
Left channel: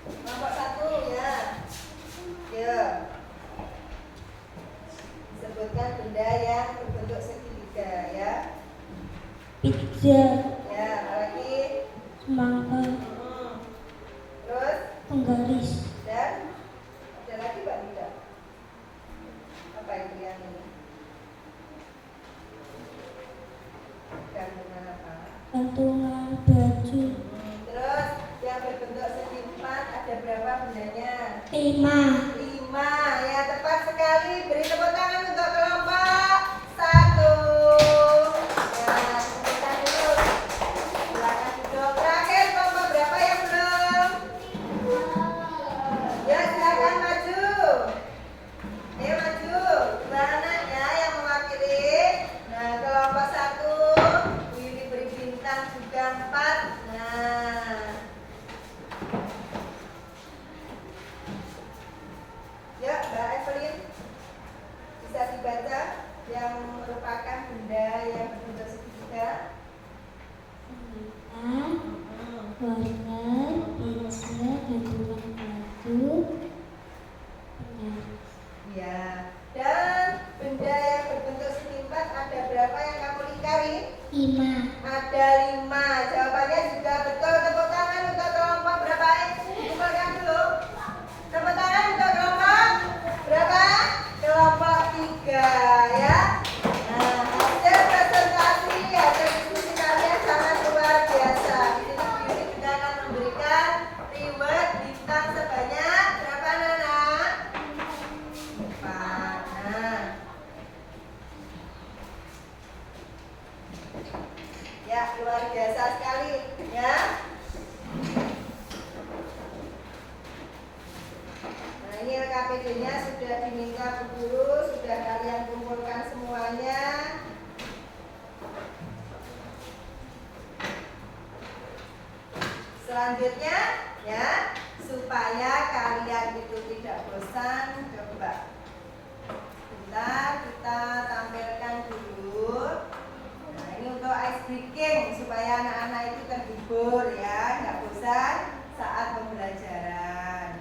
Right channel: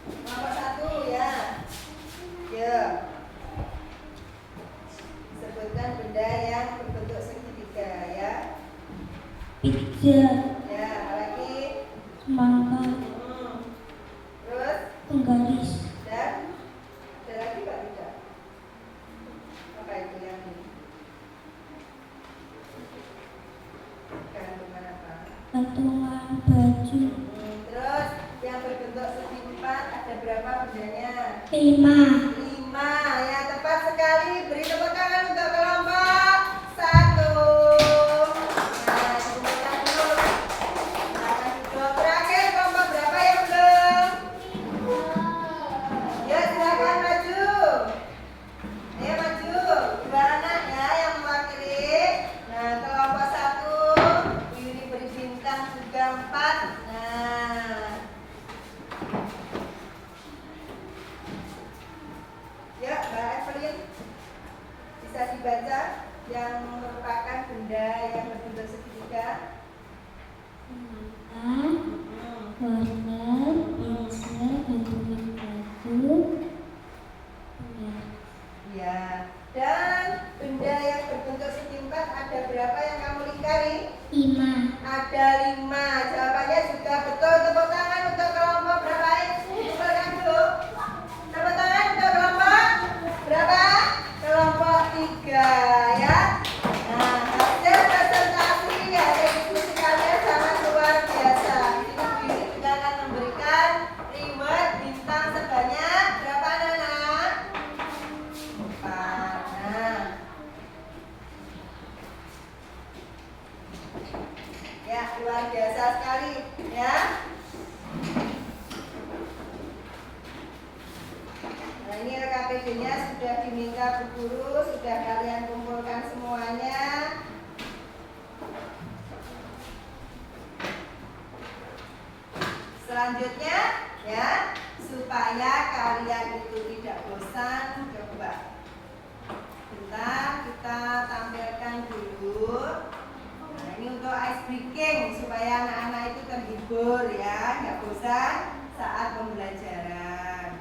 Kelompok 1 ya. Ya. Sebutkan benda yang berbentuk segitiga ya. Pizza, Ya, apa lagi? semangka, Terus penggaris, dan ada lagi Pak tidak? Apa itu yang ini? Gantungan apa? gantungan baju. Terus yang berbentuk segi 4 ada berapa bendanya? 5. 5 ya, tepat sekali. Beri tepuk tangan untuk kelompok 1. Ya, sebentar dulu. Silakan duduk. Terakhir kelompok berapa yang belum? Ya, silakan maju. Ayo maju. 2 anak ya yang mewakili. Nah, kelompok 1 ini beri bintang juga 4. Nah, ya, Mbak Evelyn, bisa dibaca yang merupakan benda yang berbentuk segitiga. Semangka, wortel, pizza, gantungan baju, penggaris. Ya, dan benda yang berbentuk segi 4 ada berapa yang kamu lingkari? 5. Ada 5. Jawabannya juga betul. Tepuk tangan untuk kelompok berapa? Dikumpulkan dulu. Tepuk tangan untuk kelompok berapa? Kelompok 3 ya. Nah, hasil presentasi ya, diskusi kalian sangat luar biasa. Di sini Bu Yuni juga akan memberikan reward bintang sebanyak berapa anak? 4. Nah, ya, luar biasa sekali ya. Nah, ini LKPD-nya sudah diminta Bu Guru, sudah kalian kumpulkan semuanya. Selanjutnya ya, supaya kalian itu tidak bosan, coba kita tampilkan dulu. Nah, ini untuk ice breaking supaya anak-anak itu terhibur ya, nggak bosan saat pembelajaran.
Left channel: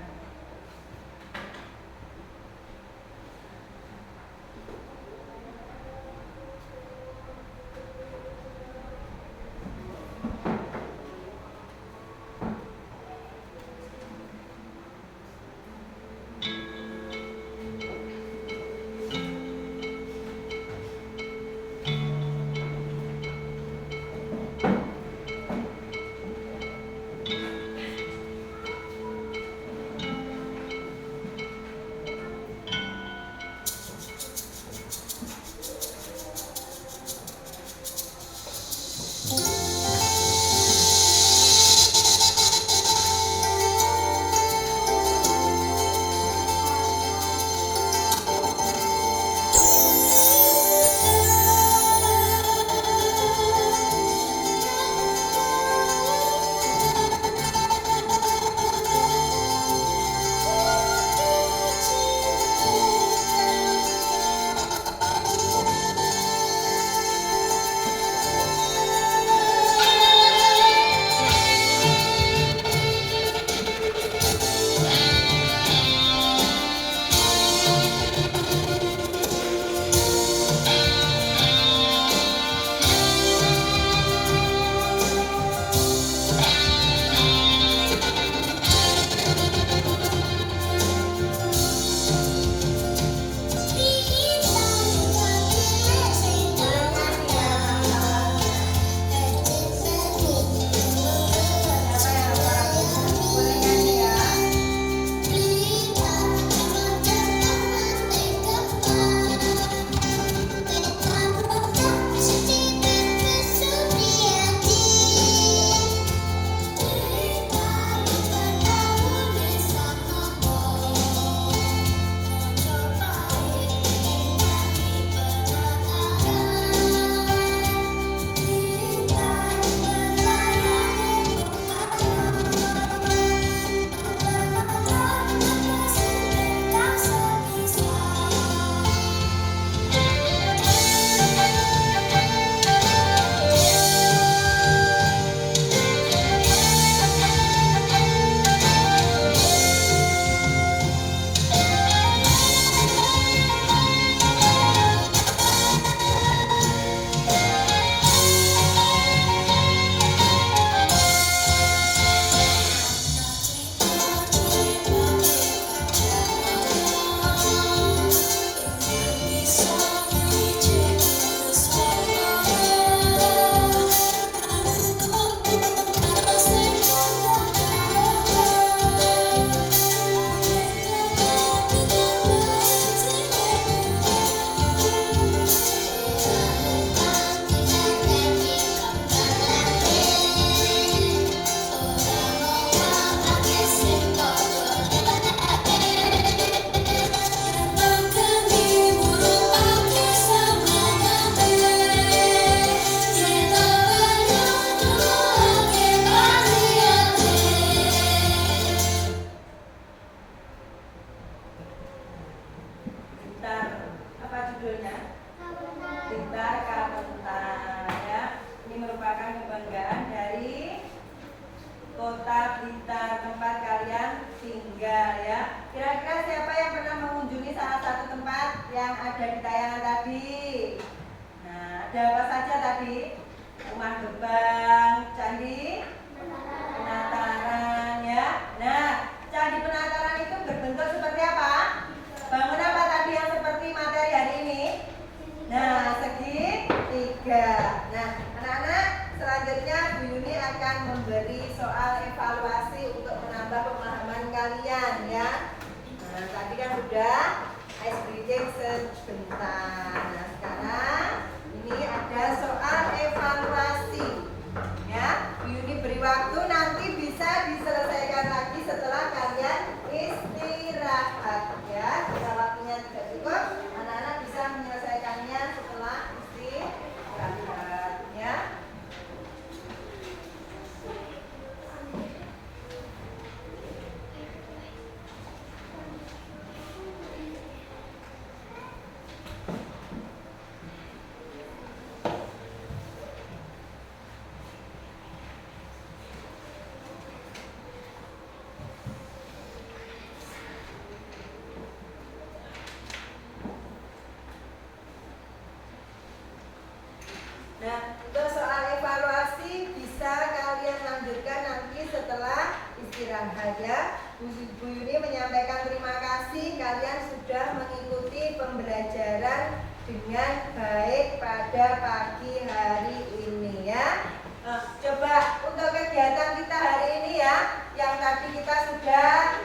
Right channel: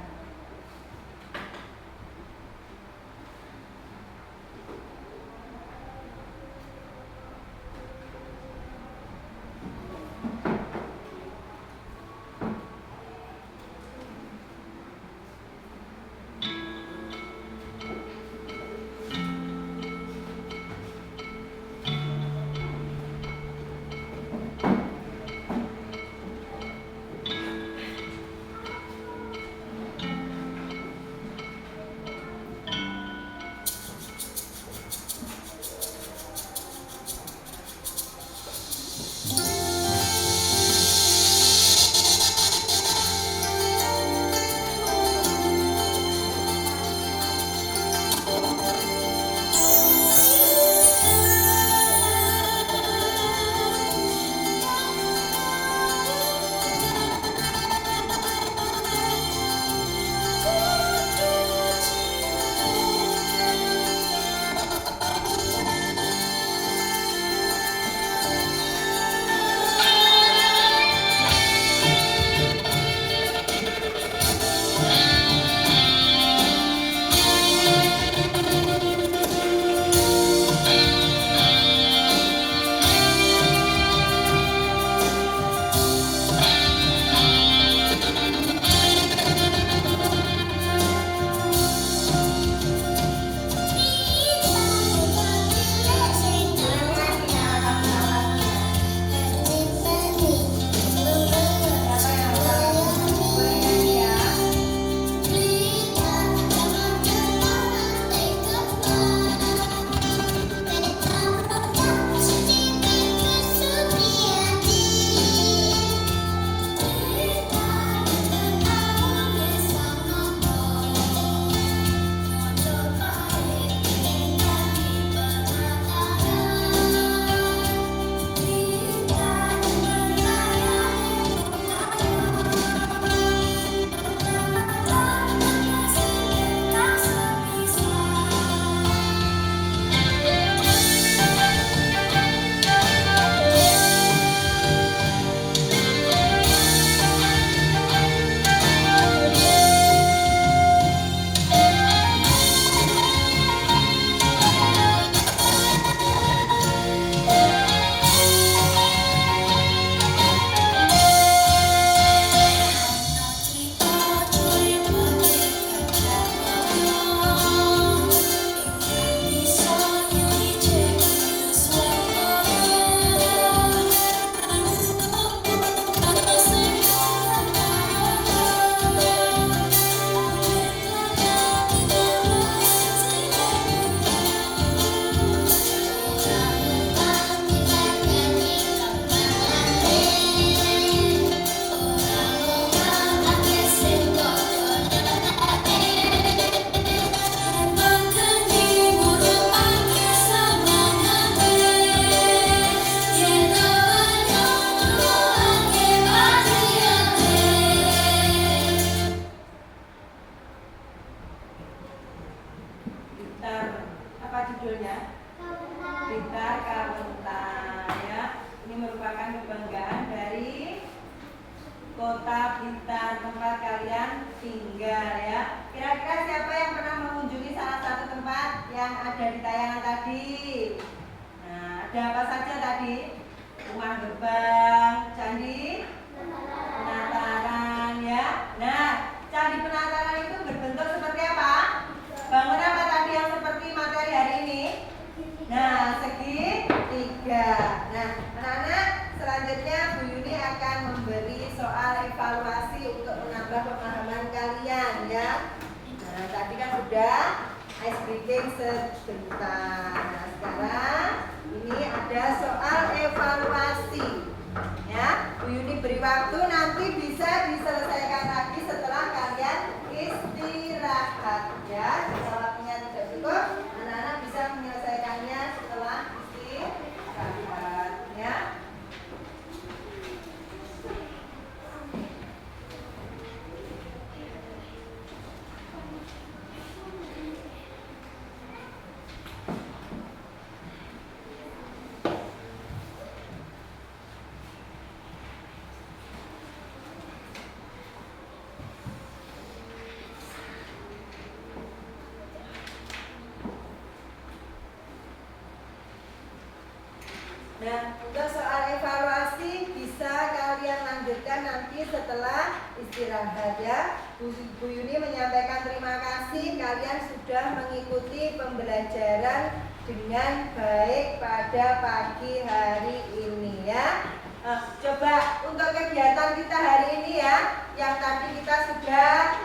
singgah ya. Kira-kira siapa yang pernah mengunjungi salah satu tempat yang ada di tayangan tadi? Nah, ada apa saja tadi? Rumah Gebang, Candi Penataran ya. Nah, Candi Penataran itu berbentuk seperti apa? Bangunan apa tadi yang seperti materi hari ini? Nah, segitiga. Nah, anak-anak, selanjutnya Bu Yuni akan memberi soal evaluasi untuk menambah pemahaman kalian ya. Nah, tadi kan udah ice breaking sebentar. Nah, sekarang ini ada soal evaluasi ya. Bu Yuni beri waktu, nanti bisa diselesaikan lagi setelah kalian istirahat ya. Jika waktunya tidak cukup, anak-anak bisa menyelesaikannya setelah istirahat ya. Nah, untuk soal evaluasi bisa kalian lanjutkan nanti setelah istirahat ya. Bu Yuni menyampaikan terima kasih kalian sudah mengikuti pembelajaran dengan baik pada pagi hari ini ya. Coba untuk kegiatan kita hari ini ya, yang tadi kita sudah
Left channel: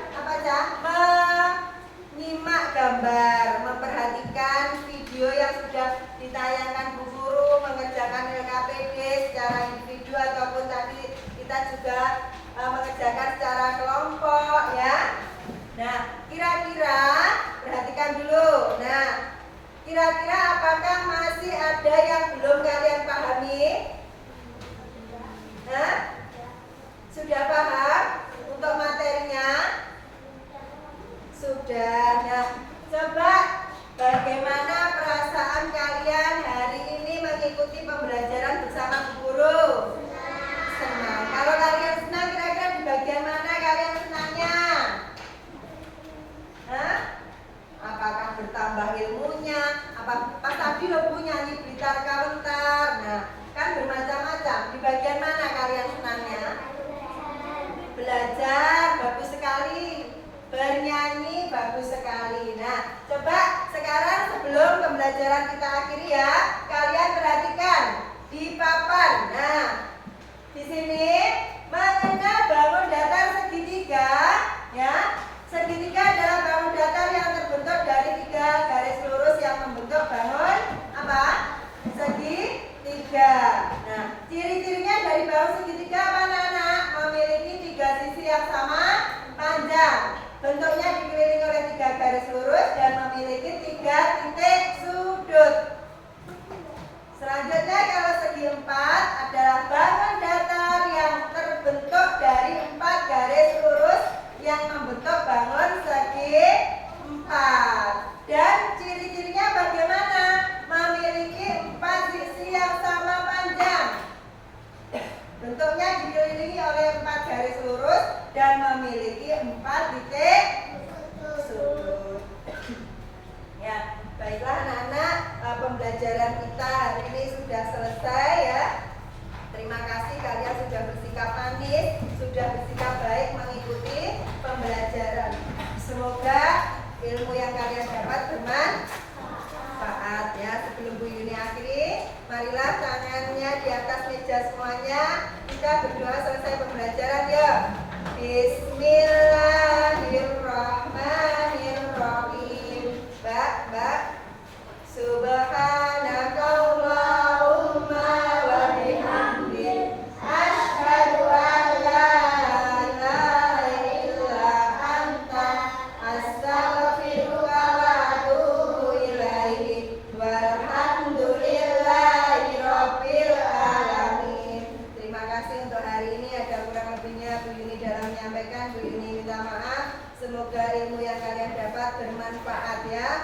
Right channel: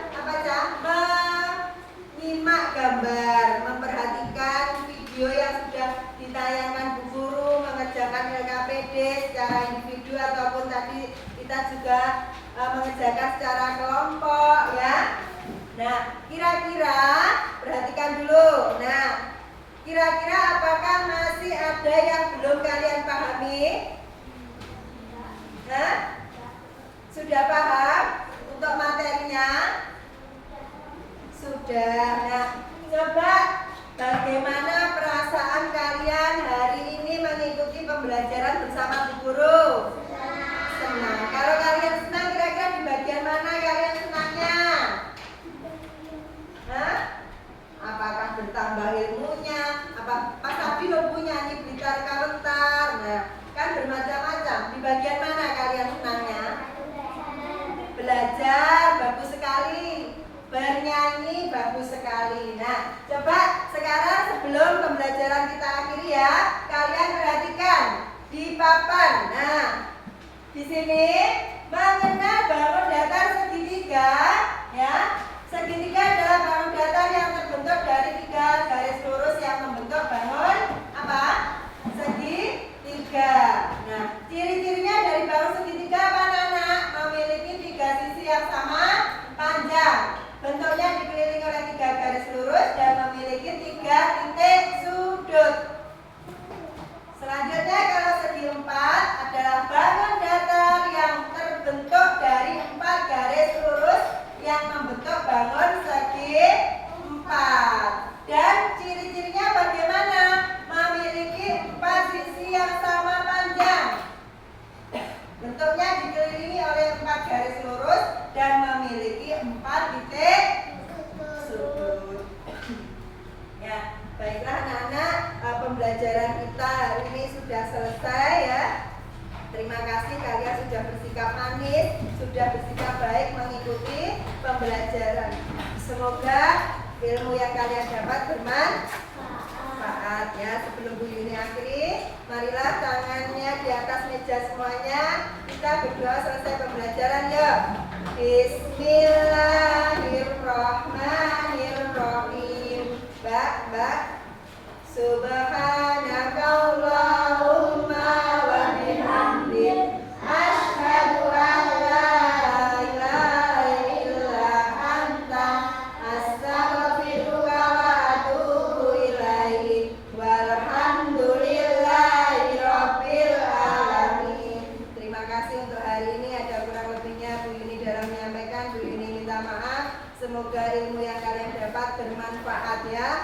menyimak gambar, memperhatikan video yang sudah ditayangkan Bu Guru, mengerjakan LKPD secara individu ataupun tadi kita juga mengerjakan secara kelompok ya. Nah, kira-kira perhatikan dulu. Nah, kira-kira apakah masih ada yang belum kalian pahami? Hah? Sudah paham untuk materinya? Sudah. Nah, coba bagaimana perasaan kalian hari ini mengikuti pembelajaran bersama Bu Guru? Senang. Kalau kalian senang, kira-kira di bagian mana kalian senangnya? Hah? Apakah bertambah ilmunya? Apa Pas tadi lo punya nih Blitar Kalentar. Nah, kan bermacam-macam. Di bagian mana kalian senangnya? Belajar, bagus sekali. Bernyanyi, bagus sekali. Nah, coba sekarang sebelum pembelajaran kita akhiri ya, kalian perhatikan di papan. Nah, di sini mengenal bangun datar segitiga ya. Segitiga adalah bangun datar yang terbentuk dari 3 garis lurus yang membentuk bangun apa? Segitiga. Nah, ciri-cirinya dari bangun segitiga apa anak-anak? Memiliki 3 sisi yang sama panjang. Bentuknya dikelilingi oleh 3 garis lurus dan memiliki 3 titik sudut. Selanjutnya kalau segi 4 adalah bangun datar yang terbentuk dari 4 garis lurus yang membentuk bangun segi 4. Dan ciri-cirinya bagaimana? Memiliki 4 sisi yang sama panjang. Bentuknya dikelilingi oleh 4 garis lurus dan memiliki 4 titik sudut. Ya, baiklah anak-anak, pembelajaran kita hari ini sudah selesai ya. Terima kasih kalian sudah bersikap manis, sudah bersikap baik mengikuti pembelajaran. Semoga ilmu yang kalian dapat bermanfaat ya. Sebelum Bu Yuni akhiri, marilah tangannya di atas meja semuanya. Kita berdoa selesai pembelajaran ya. Bismillahirrahmanirrahim. Mbak, Subhanakallahumma wa bihamdik, asyhadu an la ilaha illa anta, astaghfiruka wa atubu ilaik. Walhamdulillahi rabbil alamin. Terima kasih untuk hari ini. Ada kurang lebihnya Bu Yuni dalam menyampaikan. Bu Yuni minta maaf. Semoga ilmu yang kalian dapat bermanfaat ya.